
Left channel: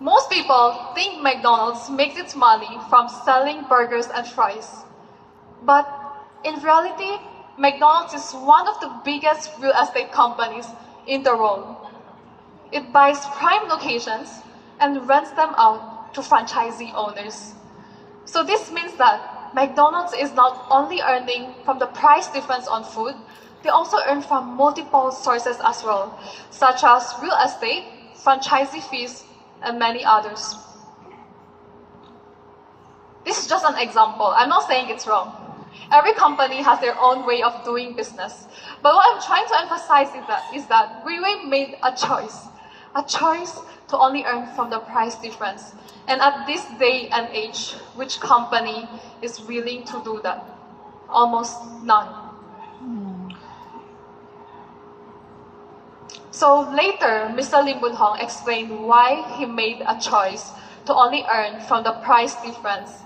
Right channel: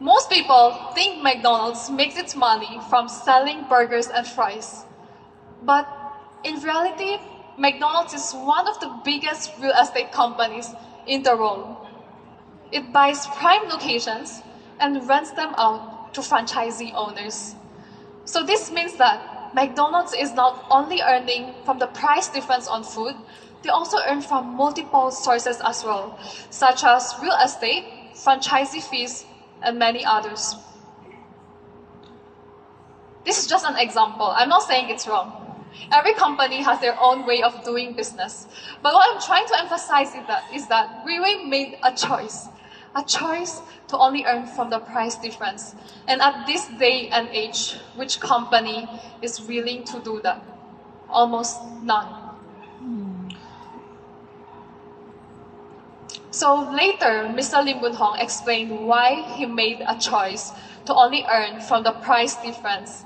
Most people think McDonald's makes its money from selling burgers and fries. But in reality, McDonald's is one of the biggest real estate companies in the world. It buys prime locations and rents them out to franchisee owners. So this means that McDonald's is not only earning from the price difference on food, they also earn from multiple sources as well, such as real estate, franchisee fees, and many others. This is just an example. I'm not saying it's wrong. Every company has their own way of doing business. But what I'm trying to emphasize is that Riway made a choice to only earn from the price difference. And at this day and age, which company is willing to do that? Almost none. So later, Mr. Lim Boon Hong explained why he made a choice to only earn from the price difference.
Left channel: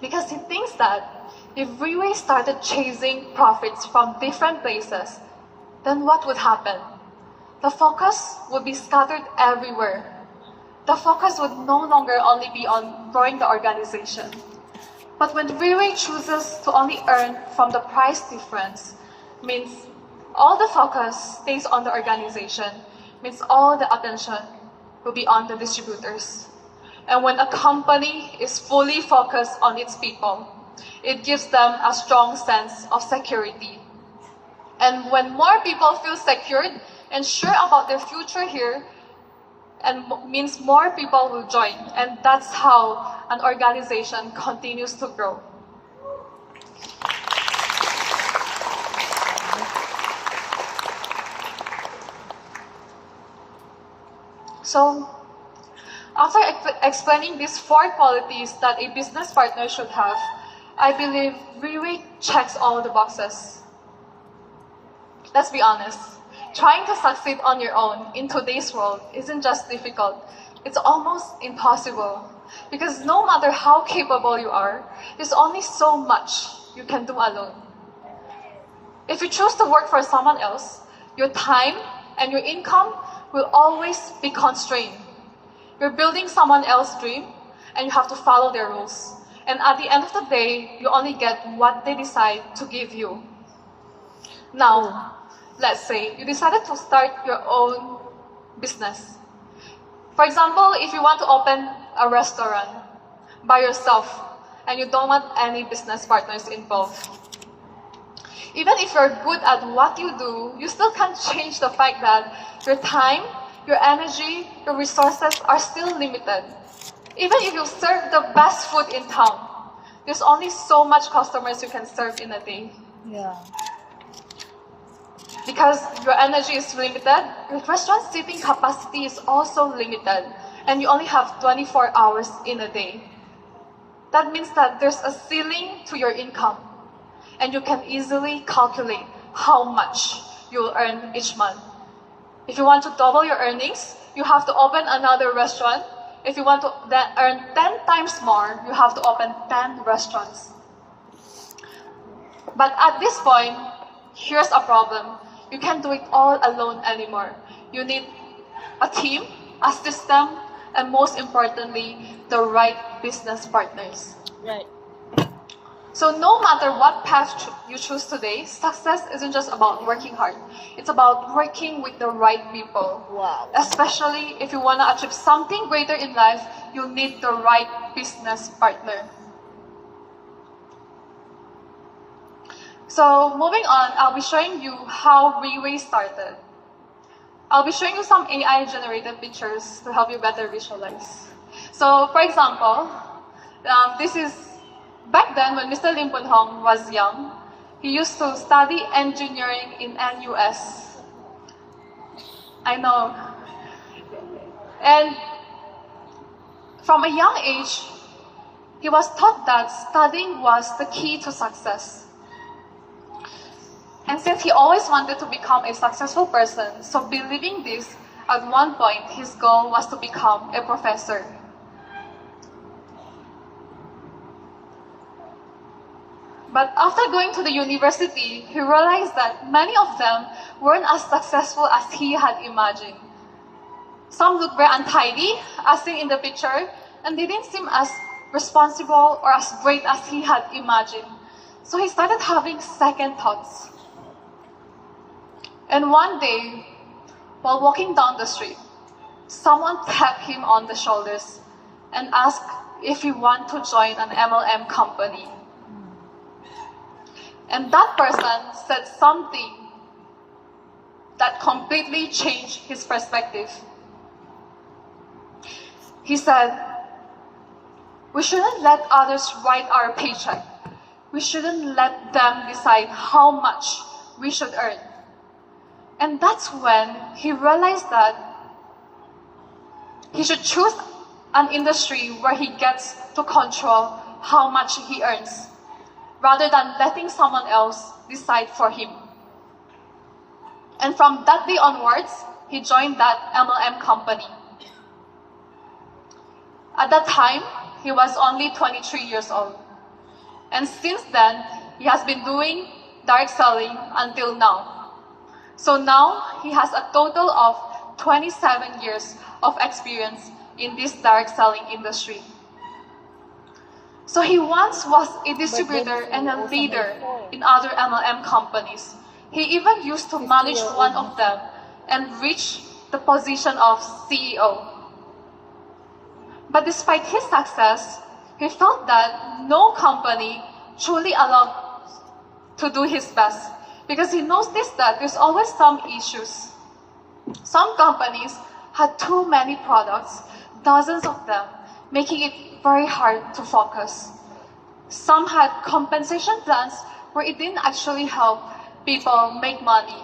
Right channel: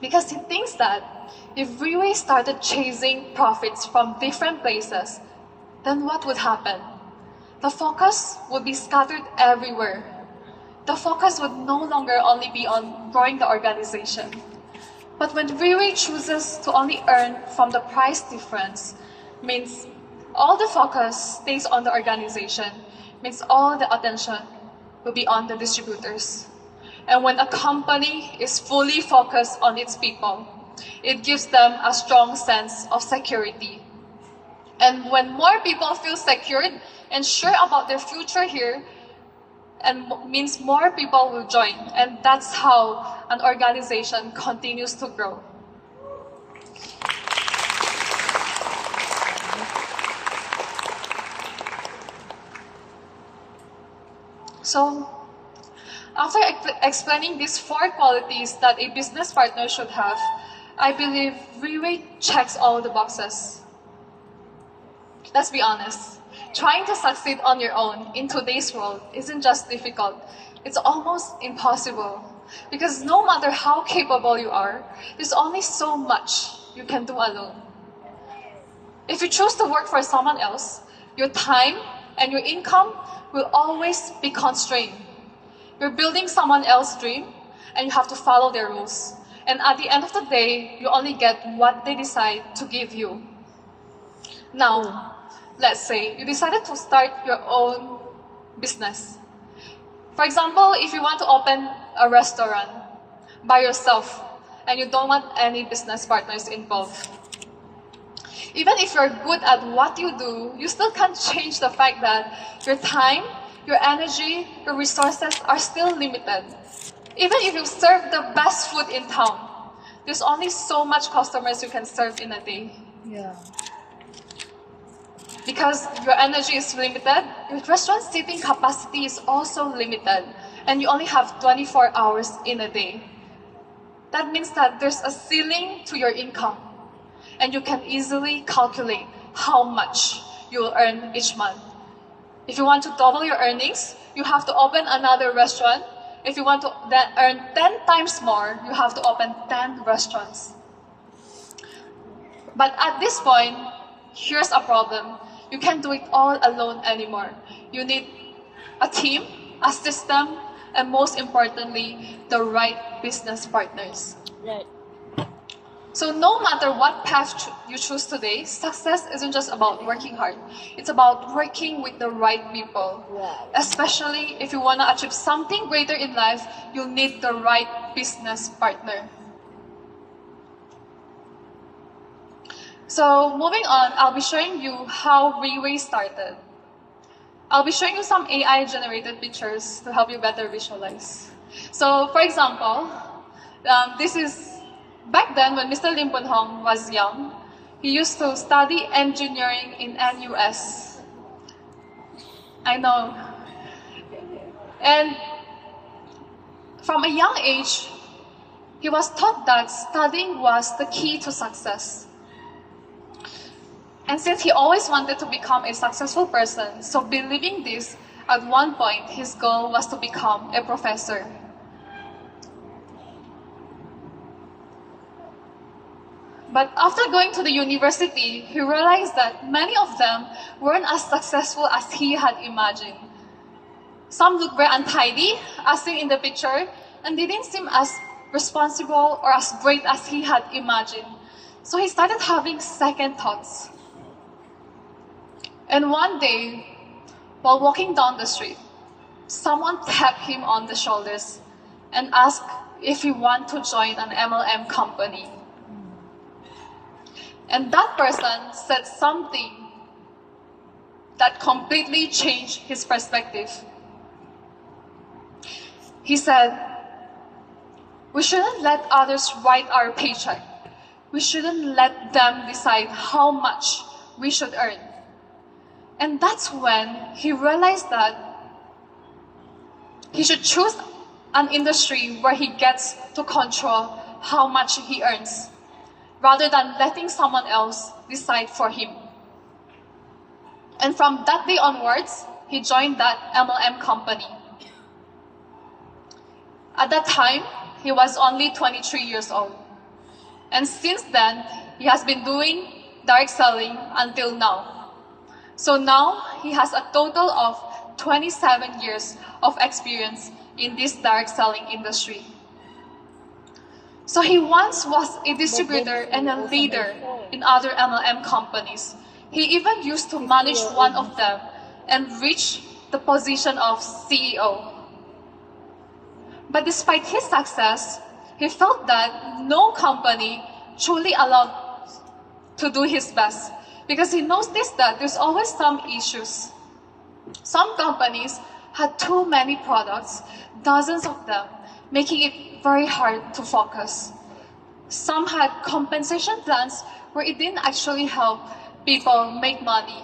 Because he thinks that if Riway started chasing profits from different places, then what would happen? The focus would be scattered everywhere. The focus would no longer only be on growing the organization. But when Riway chooses to only earn from the price difference, means all the focus stays on the organization, means all the attention will be on the distributors. And when a company is fully focused on its people, it gives them a strong sense of security. And when more people feel secured and sure about their future here, and means more people will join. And that's how an organization continues to grow. So, after explaining these 4 qualities that a business partner should have, I believe Riway checks all the boxes. Let's be honest. Trying to succeed on your own in today's world isn't just difficult, it's almost impossible. Because no matter how capable you are, there's only so much you can do alone. If you choose to work for someone else, your time and your income will always be constrained. You're building someone else's dream, and you have to follow their rules. And at the end of the day, you only get what they decide to give you. Now, let's say you decided to start your own business. For example, if you want to open a restaurant by yourself and you don't want any business partners involved. Even if you're good at what you do, you still can't change the fact that your time, your energy, your resources are still limited. Even if you serve the best food in town, there's only so much customers you can serve in a day. Yeah. Because your energy is limited, your restaurant seating capacity is also limited, and you only have 24 hours in a day. That means that there's a ceiling to your income, and you can easily calculate how much you'll earn each month. If you want to double your earnings, you have to open another restaurant. If you want to then earn 10 times more, you have to open 10 restaurants. But at this point, here's a problem. You can't do it all alone anymore. You need a team, a system, and most importantly, the right business partners. Right. So no matter what path you choose today, success isn't just about working hard. It's about working with the right people. Wow. Especially if you want to achieve something greater in life, you need the right business partner. So moving on, I'll be showing you how Riway started. I'll be showing you some AI-generated pictures to help you better visualize. So, for example, this is back then when Mr. Lim Poon Hong was young. He used to study engineering in NUS. I know. And from a young age, he was taught that studying was the key to success. And since he always wanted to become a successful person, so believing this, at one point, his goal was to become a professor. But after going to the university, he realized that many of them weren't as successful as he had imagined. Some looked very untidy, as seen in the picture, and they didn't seem as responsible or as great as he had imagined. So he started having second thoughts. And one day, while walking down the street, someone tapped him on the shoulders and asked if he wanted to join an MLM company. And that person said something that completely changed his perspective. He said, "We shouldn't let others write our paycheck. We shouldn't let them decide how much we should earn." And that's when he realized that he should choose an industry where he gets to control how much he earns, rather than letting someone else decide for him. And from that day onwards, he joined that MLM company. At that time, he was only 23 years old. And since then, he has been doing direct selling until now. So now, he has a total of 27 years of experience in this direct selling industry. So he once was a distributor and a leader in other MLM companies. He even used to manage one of them and reach the position of CEO. But despite his success, he felt that no company truly allowed to do his best, because he noticed that there's always some issues. Some companies had too many products, dozens of them, making it very hard to focus. Some had compensation plans where it didn't actually help people make money.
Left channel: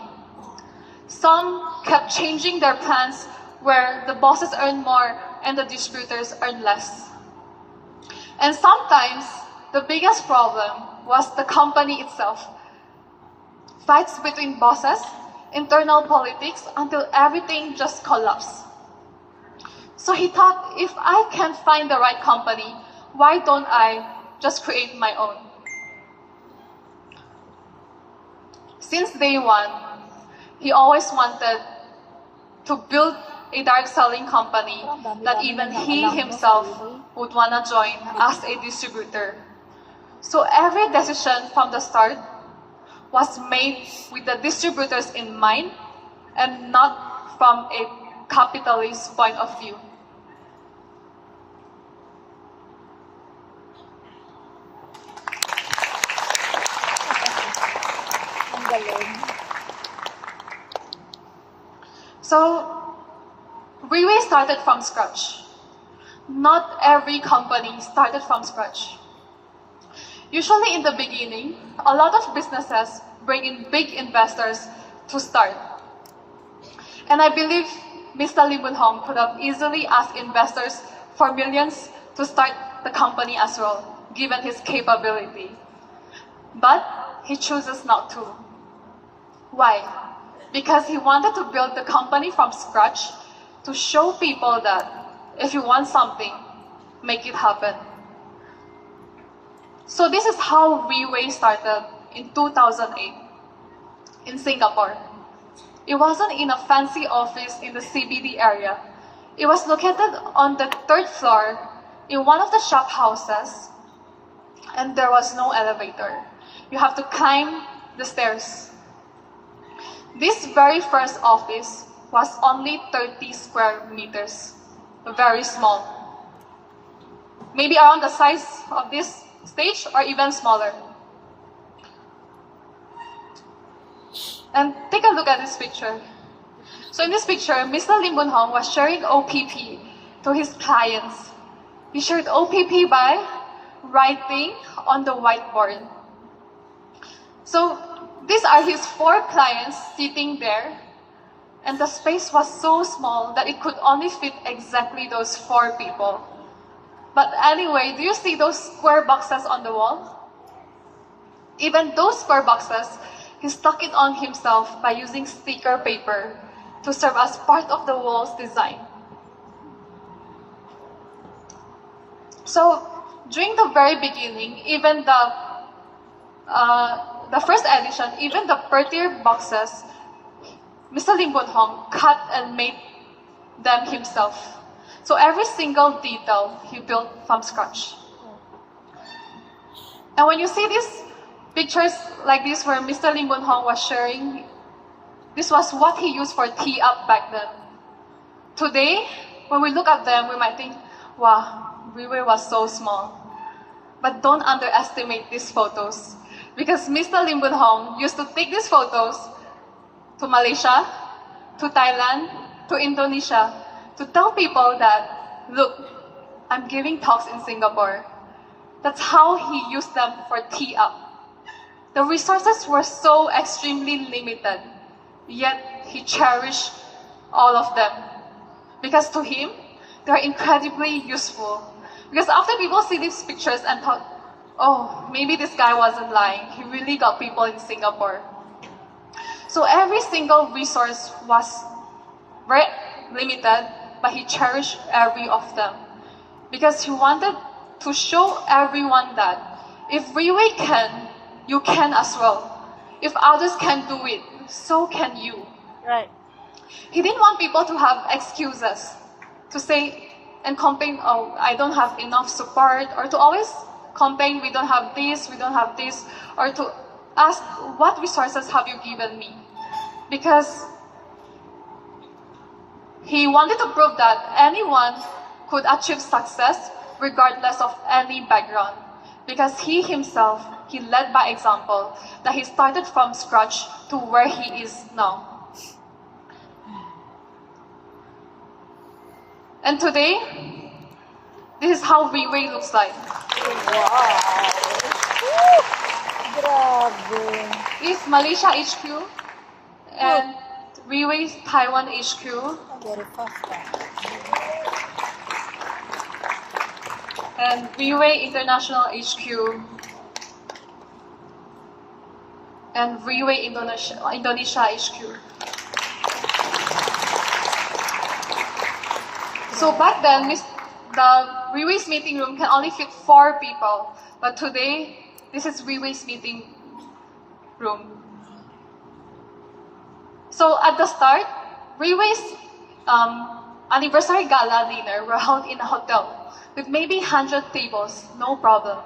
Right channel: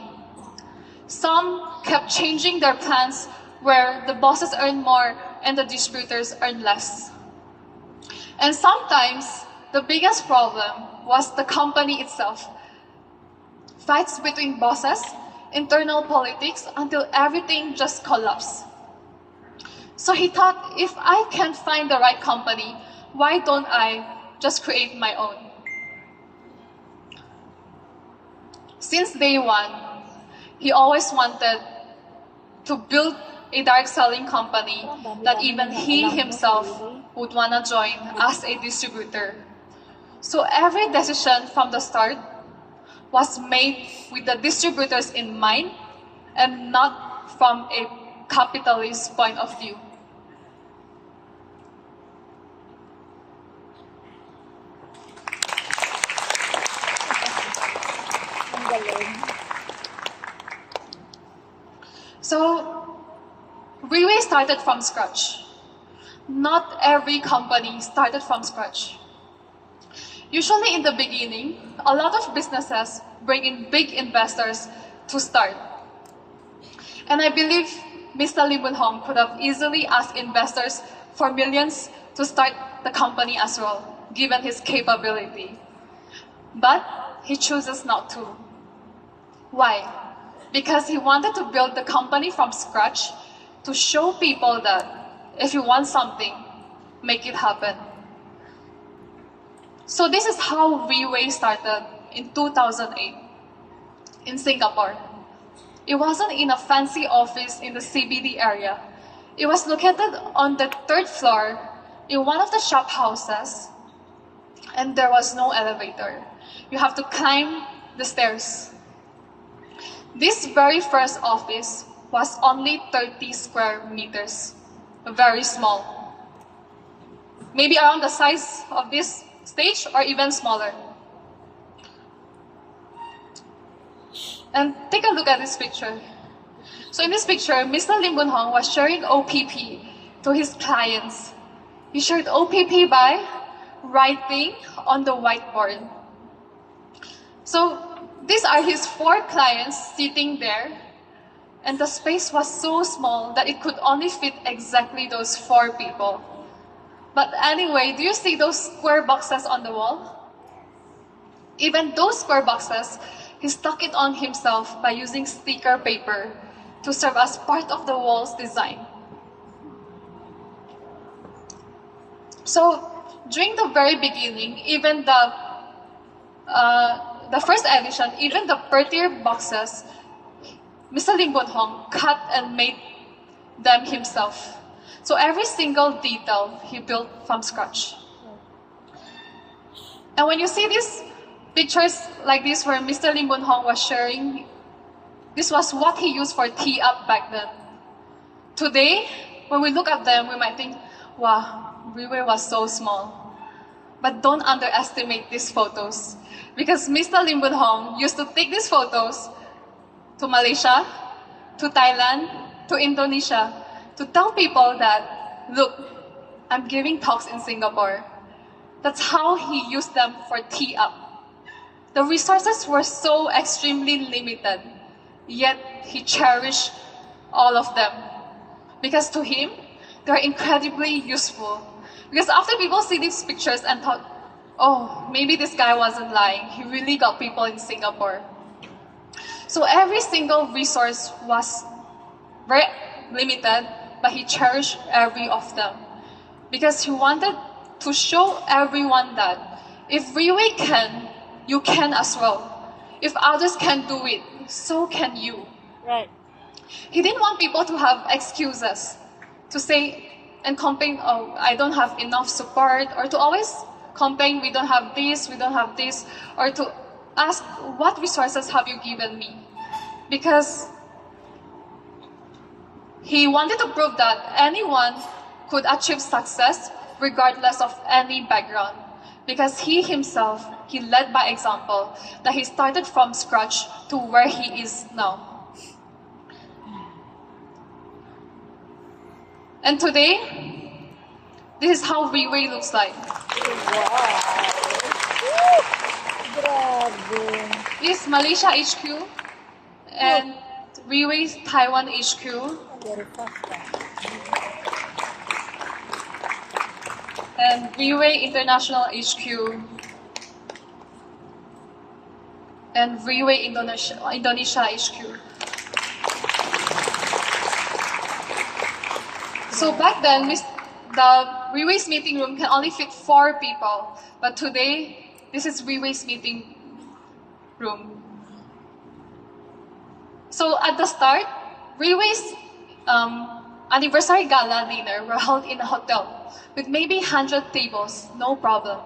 Some kept changing their plans where the bosses earn more and the distributors earn less. And sometimes, the biggest problem was the company itself. Fights between bosses, internal politics, until everything just collapsed. So he thought, if I can't find the right company, why don't I just create my own? Since day one, he always wanted to build a direct selling company that even he himself would want to join as a distributor. So every decision from the start was made with the distributors in mind and not from a capitalist point of view. So, Riway started from scratch. Not every company started from scratch. Usually in the beginning, a lot of businesses bring in big investors to start. And I believe Mr. Lim Poon Hong could have easily asked investors for millions to start the company as well, given his capability. But he chooses not to. Why? Because he wanted to build the company from scratch to show people that if you want something, make it happen. So this is how Riway started in 2008 in Singapore. It wasn't in a fancy office in the CBD area. It was located on the 3rd floor in one of the shop houses, and there was no elevator. You have to climb the stairs. This very first office was only 30 square meters, very small. Maybe around the size of this stage or even smaller. And take a look at this picture. So in this picture, Mr. Lim Boon Hong was sharing OPP to his clients. He shared OPP by writing on the whiteboard. So these are his 4 clients sitting there, and the space was so small that it could only fit exactly those 4 people. But anyway, do you see those square boxes on the wall? Even those square boxes, he stuck it on himself by using sticker paper to serve as part of the wall's design. So during the very beginning, even the first edition, even the prettier boxes, Mr. Lim Boon Hong cut and made them himself. So every single detail he built from scratch. And when you see these pictures like this where Mr. Lim Boon Hong was sharing, this was what he used for Tee Up back then. Today, when we look at them, we might think, wow, Riway was so small. But don't underestimate these photos, because Mr. Lim Boon Hong used to take these photos to Malaysia, to Thailand, to Indonesia, to tell people that, look, I'm giving talks in Singapore. That's how he used them for Tee Up. The resources were so extremely limited, yet he cherished all of them. Because to him, they're incredibly useful. Because after people see these pictures and thought, oh, maybe this guy wasn't lying, he really got people in Singapore. So every single resource was very limited, but he cherished every of them. Because he wanted to show everyone that if Riway can, you can as well. If others can do it, so can you. Right. He didn't want people to have excuses, to say and complain, oh, I don't have enough support, or to always complain, we don't have this, or to ask, what resources have you given me? Because he wanted to prove that anyone could achieve success regardless of any background. Because he himself, he led by example, that he started from scratch to where he is now. And today, this is how Riway looks like. Wow. Woo! Grabe. This is Malaysia HQ and Riway's Taiwan HQ. Very fast. And Riway International HQ and Riway Indonesia HQ. So back then, the Riway's meeting room can only fit 4 people, but today, this is Riway's meeting room. So at the start, Riway's anniversary gala dinner were held in a hotel with maybe 100 tables, no problem.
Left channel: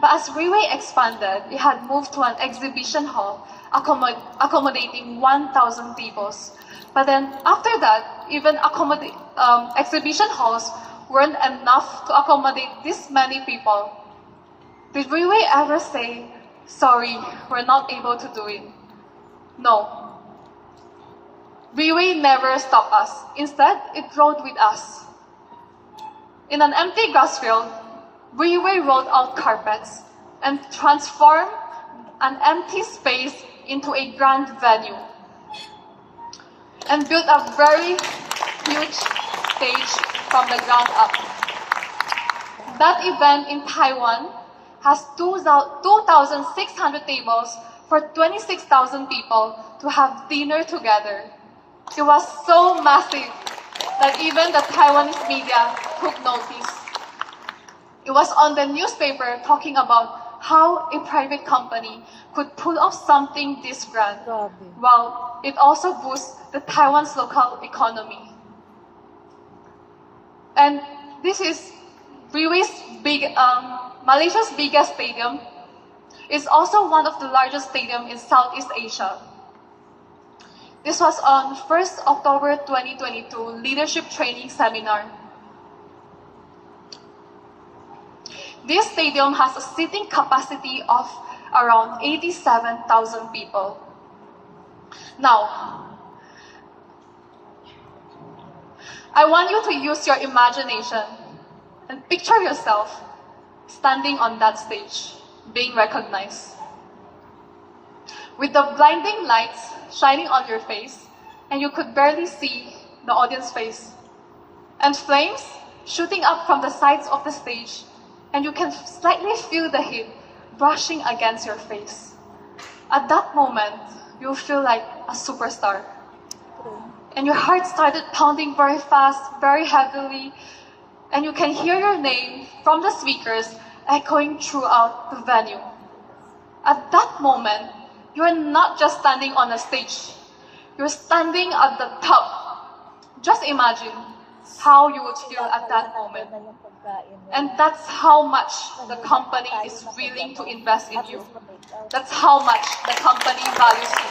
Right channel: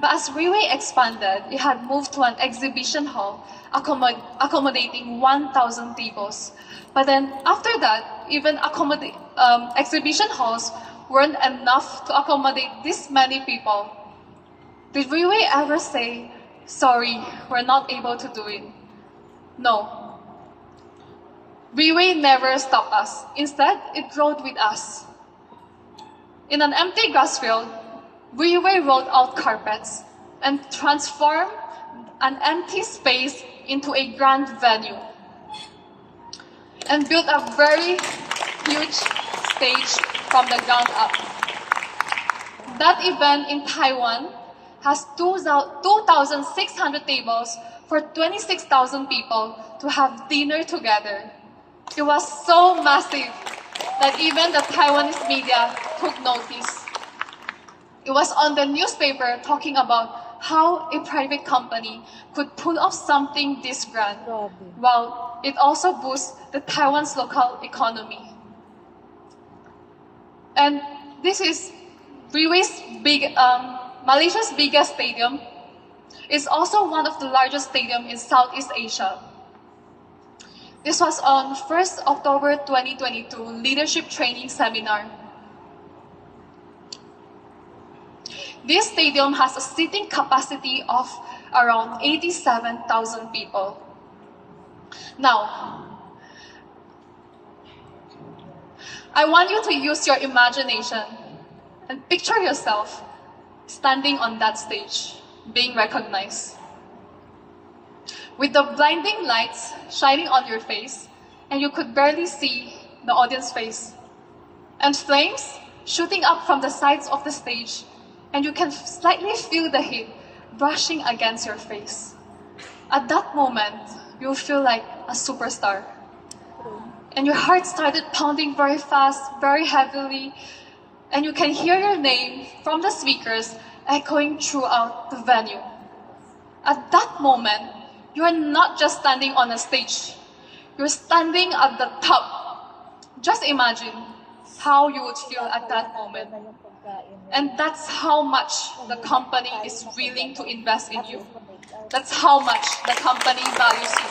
But as Riway expanded, it had moved to an exhibition hall accommodating 1,000 tables. But then after that, even exhibition halls weren't enough to accommodate this many people. Did Riway ever say, sorry, we're not able to do it? No. Riway never stopped us. Instead, it rode with us. In an empty grass field, Riway rolled out carpets and transformed an empty space into a grand venue and built a very huge stage from the ground up. That event in Taiwan has 2,600 tables for 26,000 people to have dinner together. It was so massive that even the Taiwanese media took notice. It was on the newspaper talking about how a private company could pull off something this grand, while it also boosts the Taiwan's local economy. And this is Riway's Malaysia's biggest stadium. It's also one of the largest stadiums in Southeast Asia. This was on 1st October 2022 Leadership Training Seminar. This stadium has a seating capacity of around 87,000 people. Now, I want you to use your imagination and picture yourself standing on that stage, being recognized. With the blinding lights shining on your face, and you could barely see the audience face, and flames shooting up from the sides of the stage, and you can slightly feel the heat brushing against your face. At that moment, you'll feel like a superstar. And your heart started pounding very fast, very heavily, and you can hear your name from the speakers echoing throughout the venue. At that moment, you're not just standing on a stage, you're standing at the top. Just imagine how you would feel at that moment. And that's how much the company is willing to invest in you. That's how much the company values you.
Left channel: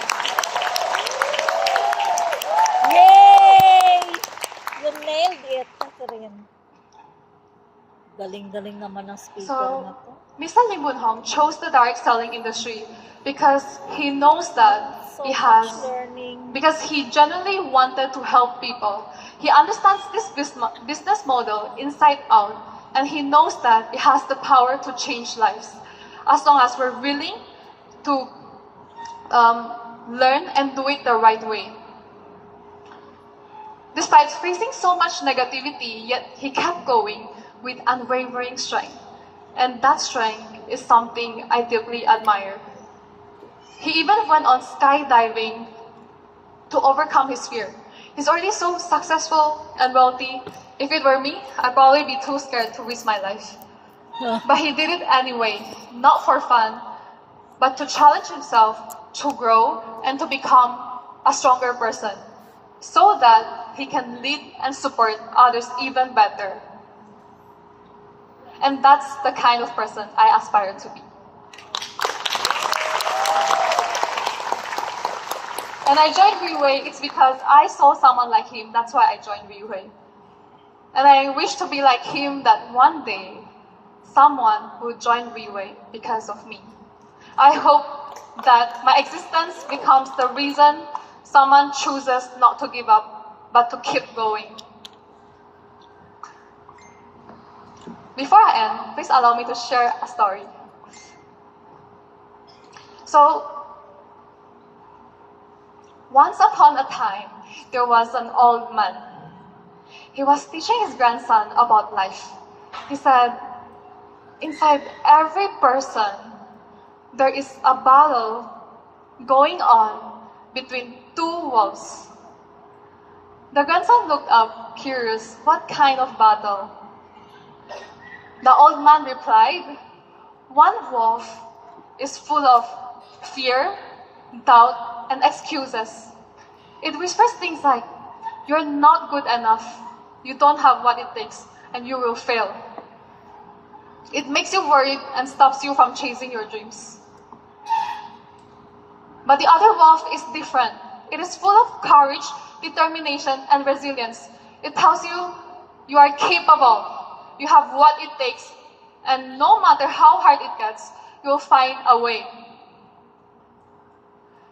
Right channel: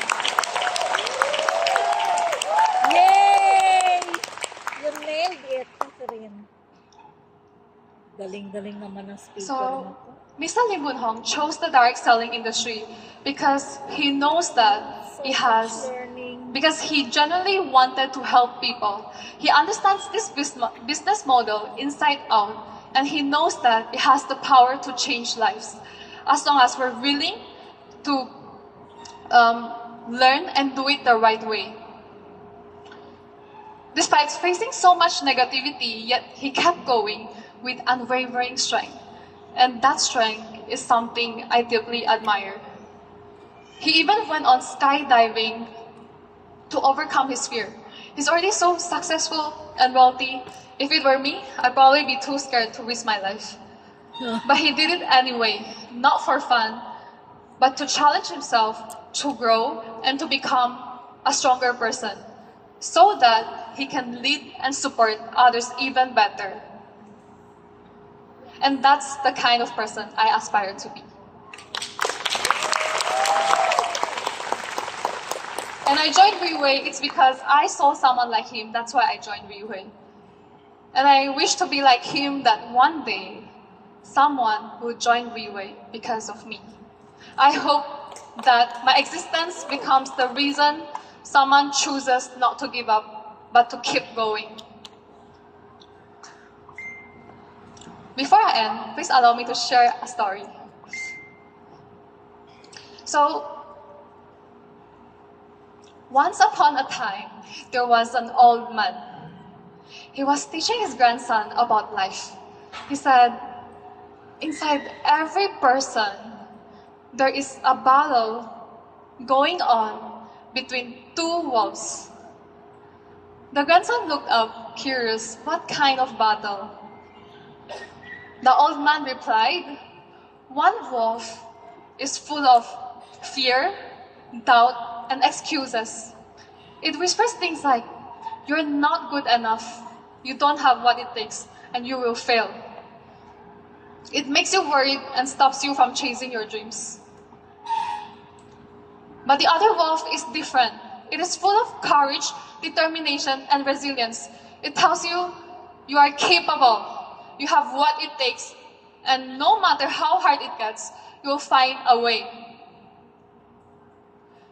Yay! You nailed it, Catherine. Galing-galing naman ng speaker na So, to. Mr. Lim Boon Hong chose the direct selling industry because he knows that So he much has, learning. because he genuinely wanted to help people. He understands this business model inside out, and he knows that it has the power to change lives as long as we're willing to learn and do it the right way. Despite facing so much negativity, yet he kept going with unwavering strength. And that strength is something I deeply admire. He even went on skydiving to overcome his fear. He's already so successful and wealthy. If it were me, I'd probably be too scared to risk my life. But he did it anyway, not for fun, but to challenge himself, to grow, and to become a stronger person, so that he can lead and support others even better. And that's the kind of person I aspire to be. And I joined Riway, it's because I saw someone like him, that's why I joined Riway. And I wish to be like him, that one day, someone will join Riway because of me. I hope that my existence becomes the reason someone chooses not to give up, but to keep going. Before I end, please allow me to share a story. So, once upon a time, there was an old man. He was teaching his grandson about life. He said, inside every person, there is a battle going on between two wolves. The grandson looked up, curious, what kind of battle? The old man replied, one wolf is full of fear, doubt, and excuses. It whispers things like, you're not good enough, you don't have what it takes, and you will fail. It makes you worried and stops you from chasing your dreams. But the other wolf is different. It is full of courage, determination, and resilience. It tells you, you are capable. You have what it takes, and no matter how hard it gets, you'll find a way.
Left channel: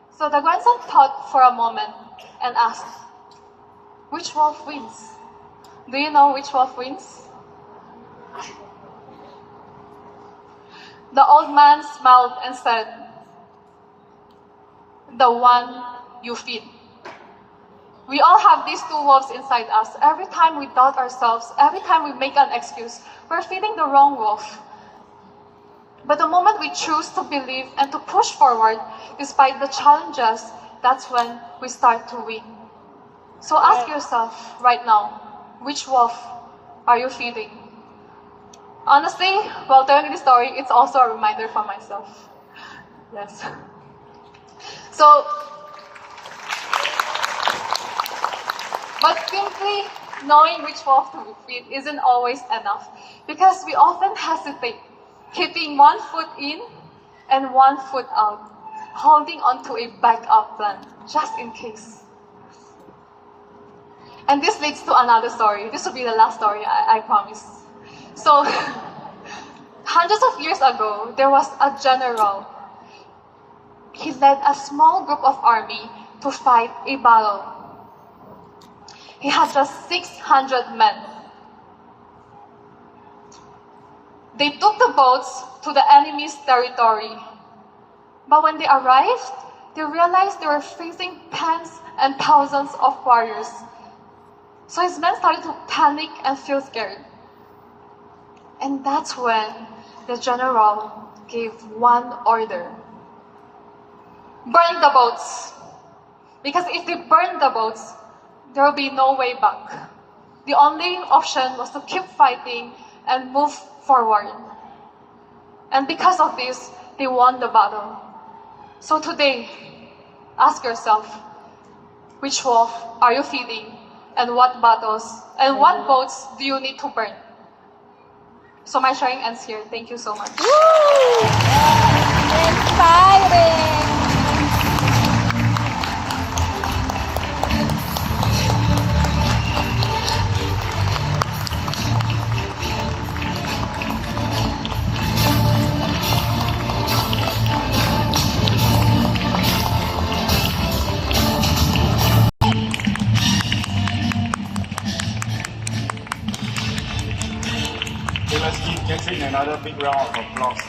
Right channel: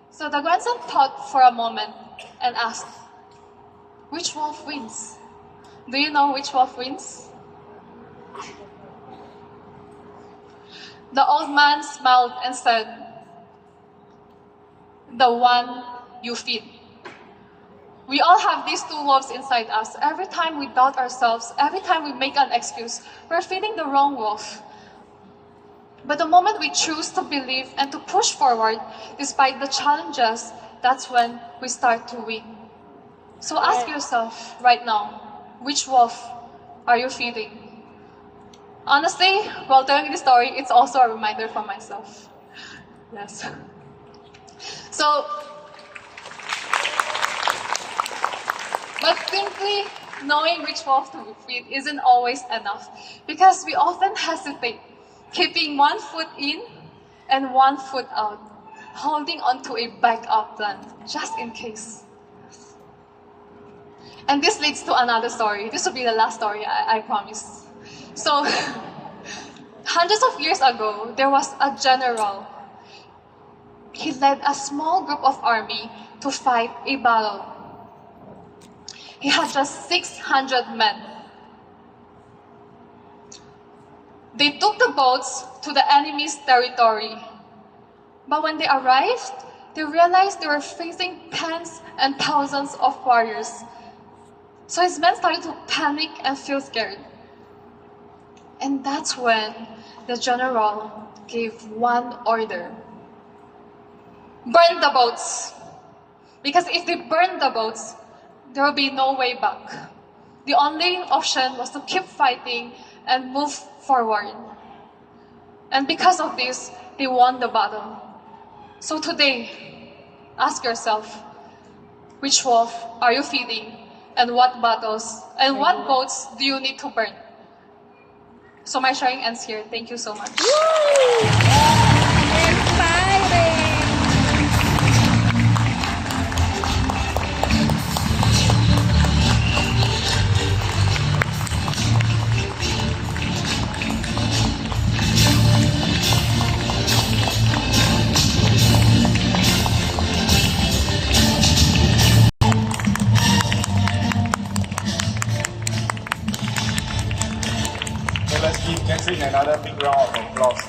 So the grandson thought for a moment and asked, which wolf wins? Do you know which wolf wins? The old man smiled and said, the one you feed. We all have these two wolves inside us. Every time we doubt ourselves, every time we make an excuse, we're feeding the wrong wolf. But the moment we choose to believe and to push forward, despite the challenges, that's when we start to win. So ask yourself right now, which wolf are you feeding? Honestly, while telling this story, it's also a reminder for myself. Yes. So, but simply knowing which wolf to feed isn't always enough, because we often hesitate, keeping one foot in and one foot out, holding onto a backup plan, just in case. And this leads to another story. This will be the last story, I promise. So, hundreds of years ago, there was a general. He led a small group of army to fight a battle. He had just 600 men. They took the boats to the enemy's territory. But when they arrived, they realized they were facing tens and thousands of warriors. So his men started to panic and feel scared. And that's when the general gave one order. Burn the boats. Because if they burn the boats, there will be no way back. The only option was to keep fighting and move forward. And because of this, they won the battle. So today, ask yourself, which wolf are you feeding, and what battles and what boats do you need to burn? So my sharing ends here. Thank you so much. Woo! Inspiring! So let's give Katherine another big round of applause.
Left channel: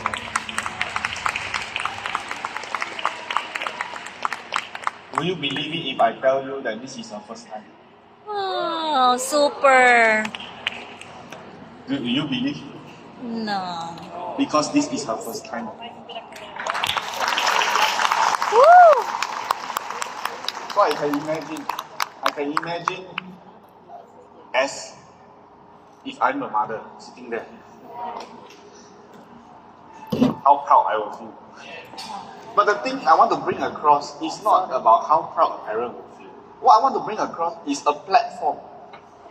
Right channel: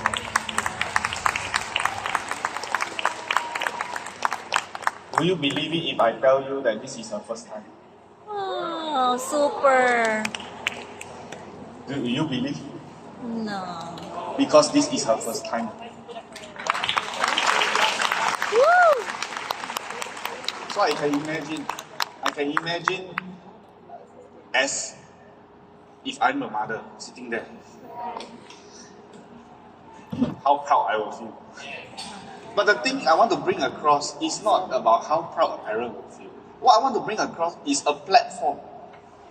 Will you believe it if I tell you that this is her first time? Oh, super. Will you believe? No. Because this is her first time. Woo! So I can imagine as if I'm a mother sitting there, how proud I will feel. But the thing I want to bring across is not about how proud a parent will feel. What I want to bring across is a platform.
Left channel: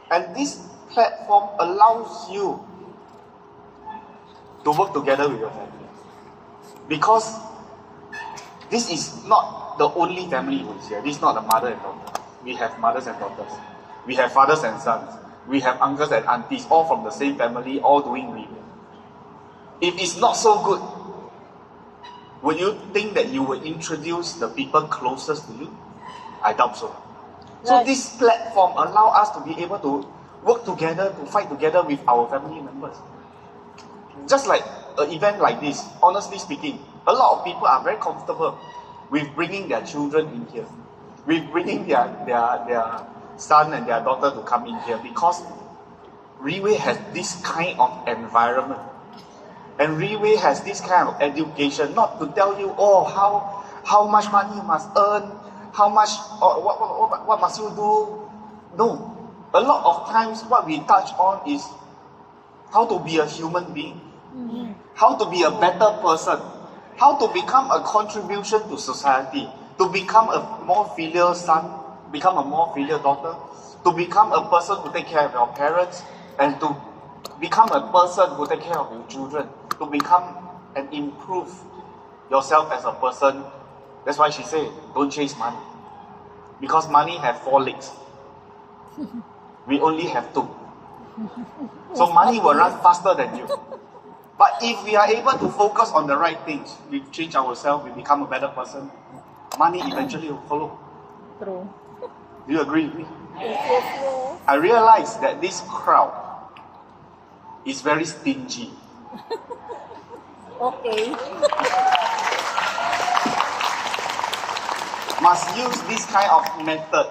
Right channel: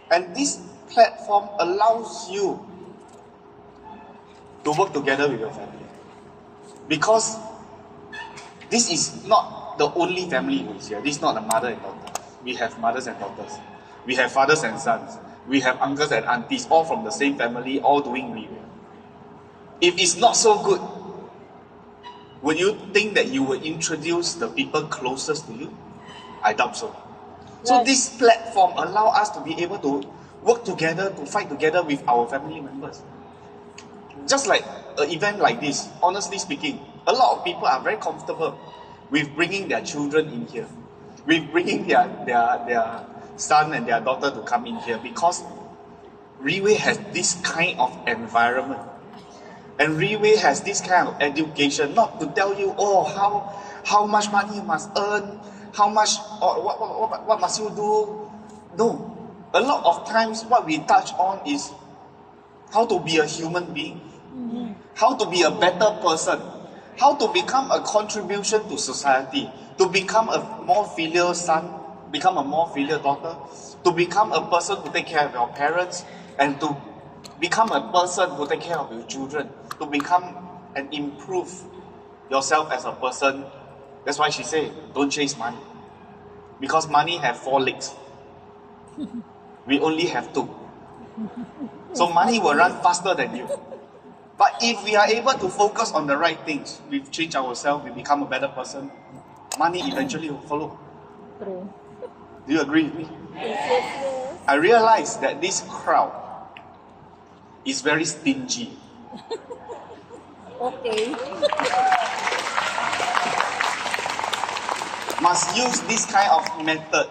And this platform allows you to work together with your family. Because this is not the only family who is here. This is not a mother and daughter. We have mothers and daughters. We have fathers and sons. We have uncles and aunties, all from the same family, all doing Riway. If it's not so good, would you think that you will introduce the people closest to you? I doubt so. So Right. this platform allows us to be able to work together, to fight together with our family members. Just like an event like this, honestly speaking, a lot of people are very comfortable with bringing their children in here, with bringing their son and their daughter to come in here, because Riway has this kind of environment. And Riway has this kind of education, not to tell you, oh, how much money you must earn, how much, or what must you do. No. A lot of times what we touch on is how to be a human being, how to be a better person, how to become a contribution to society, to become a more filial son, become a more filial daughter, to become a person who take care of your parents, and to become a person who take care of your children, to become and improve yourself as a person. That's why she said, don't chase money. Because money have 4 legs. We only have 2. So money will run faster than you. But if we are able to focus on the right things, we change ourselves, we become a better person, money eventually will follow. True. Do you agree with me? Yes. I realize that this crowd is very stingy. Okay. Must use this kind of method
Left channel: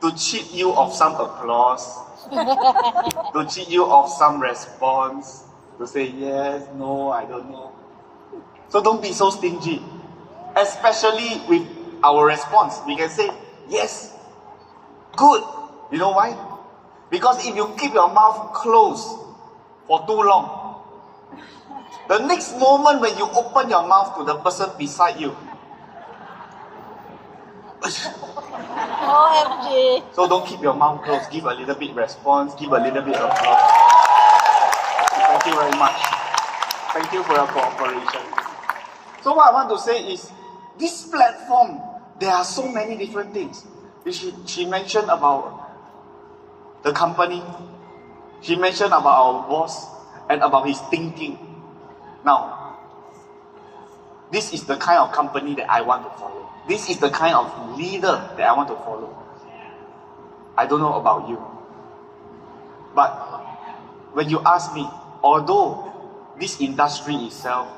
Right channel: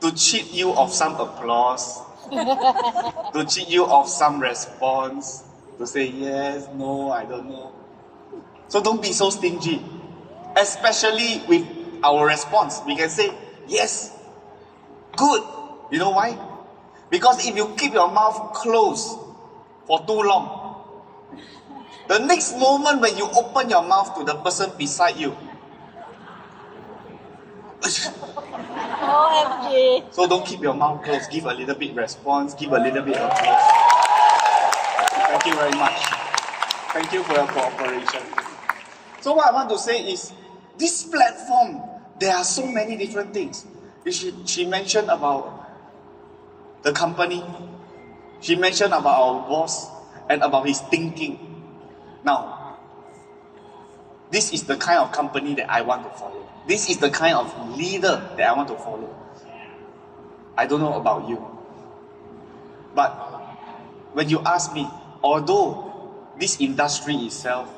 to cheat you of some applause, to cheat you of some response, to say yes, no, I don't know. So don't be so stingy. Especially with our response. We can say, yes, good. You know why? Because if you keep your mouth closed for too long, the next moment when you open your mouth to the person beside you, OMG. so don't keep your mouth closed. Give a little bit response, give a little bit applause. Thank you very much. Thank you for your cooperation. So what I want to say is, this platform, there are so many different things. She mentioned about the company. She mentioned about our boss and about his thinking. Now, this is the kind of company that I want to follow. This is the kind of leader that I want to follow. I don't know about you. But when you ask me, although this industry itself,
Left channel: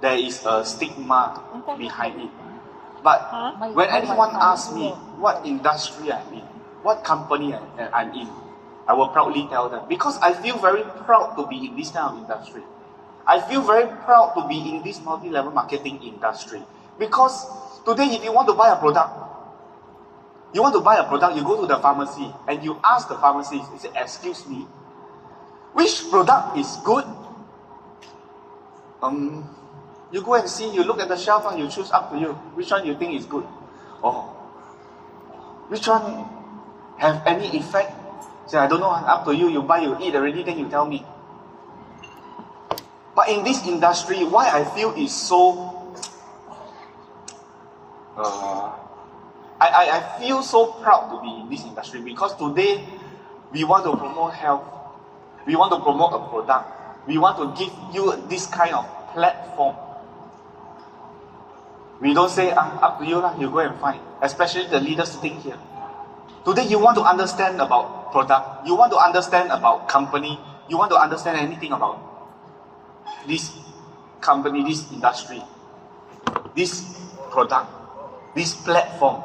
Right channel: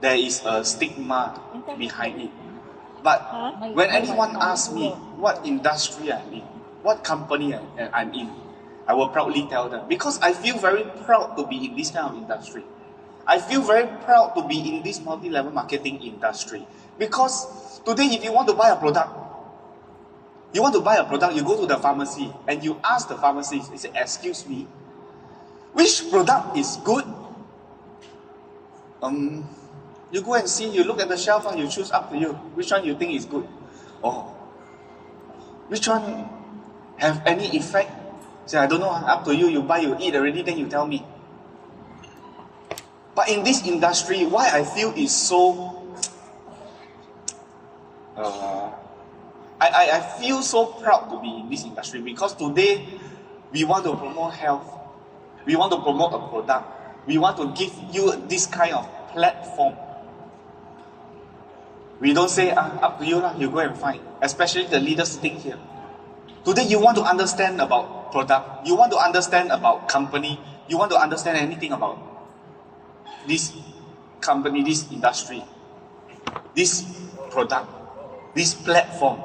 there is a stigma behind it. But when anyone asks me what industry I'm in, what company I'm in, I will proudly tell them. Because I feel very proud to be in this kind of industry. I feel very proud to be in this multi-level marketing industry. Because today, if you want to buy a product, you go to the pharmacy and you ask the pharmacist, you say, excuse me, which product is good? You go and see, you look at the shelf and you choose, up to you. Which one you think is good? Oh, which one have any effect? Say, I don't know, up to you. You buy, you eat already, then you tell me. But in this industry, why I feel is so... I feel so proud to be in this industry because today, we want to promote health. We want to promote a product. We want to give you this kind of platform. We don't say, up to you, you go and find. Especially the leaders sitting here. Today, you want to understand about product. You want to understand about company. You want to understand anything about this company, this industry, this product, this platform.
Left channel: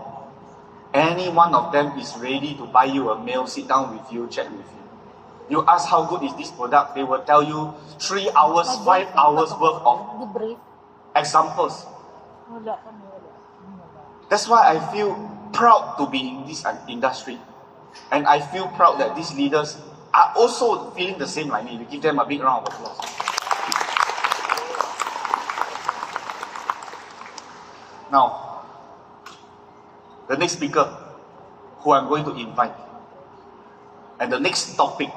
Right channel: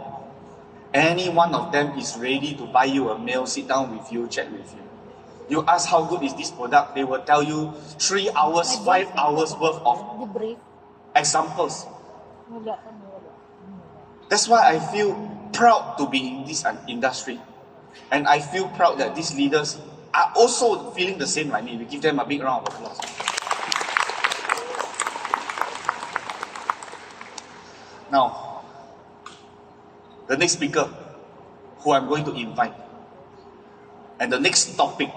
Any one of them is ready to buy you a meal, sit down with you, chat with you. You ask how good is this product, they will tell you 3 hours, 5 hours worth of examples. That's why I feel proud to be in this industry. And I feel proud that these leaders are also feeling the same like me. We give them a big round of applause. Now, the next speaker who I'm going to invite, and the next topic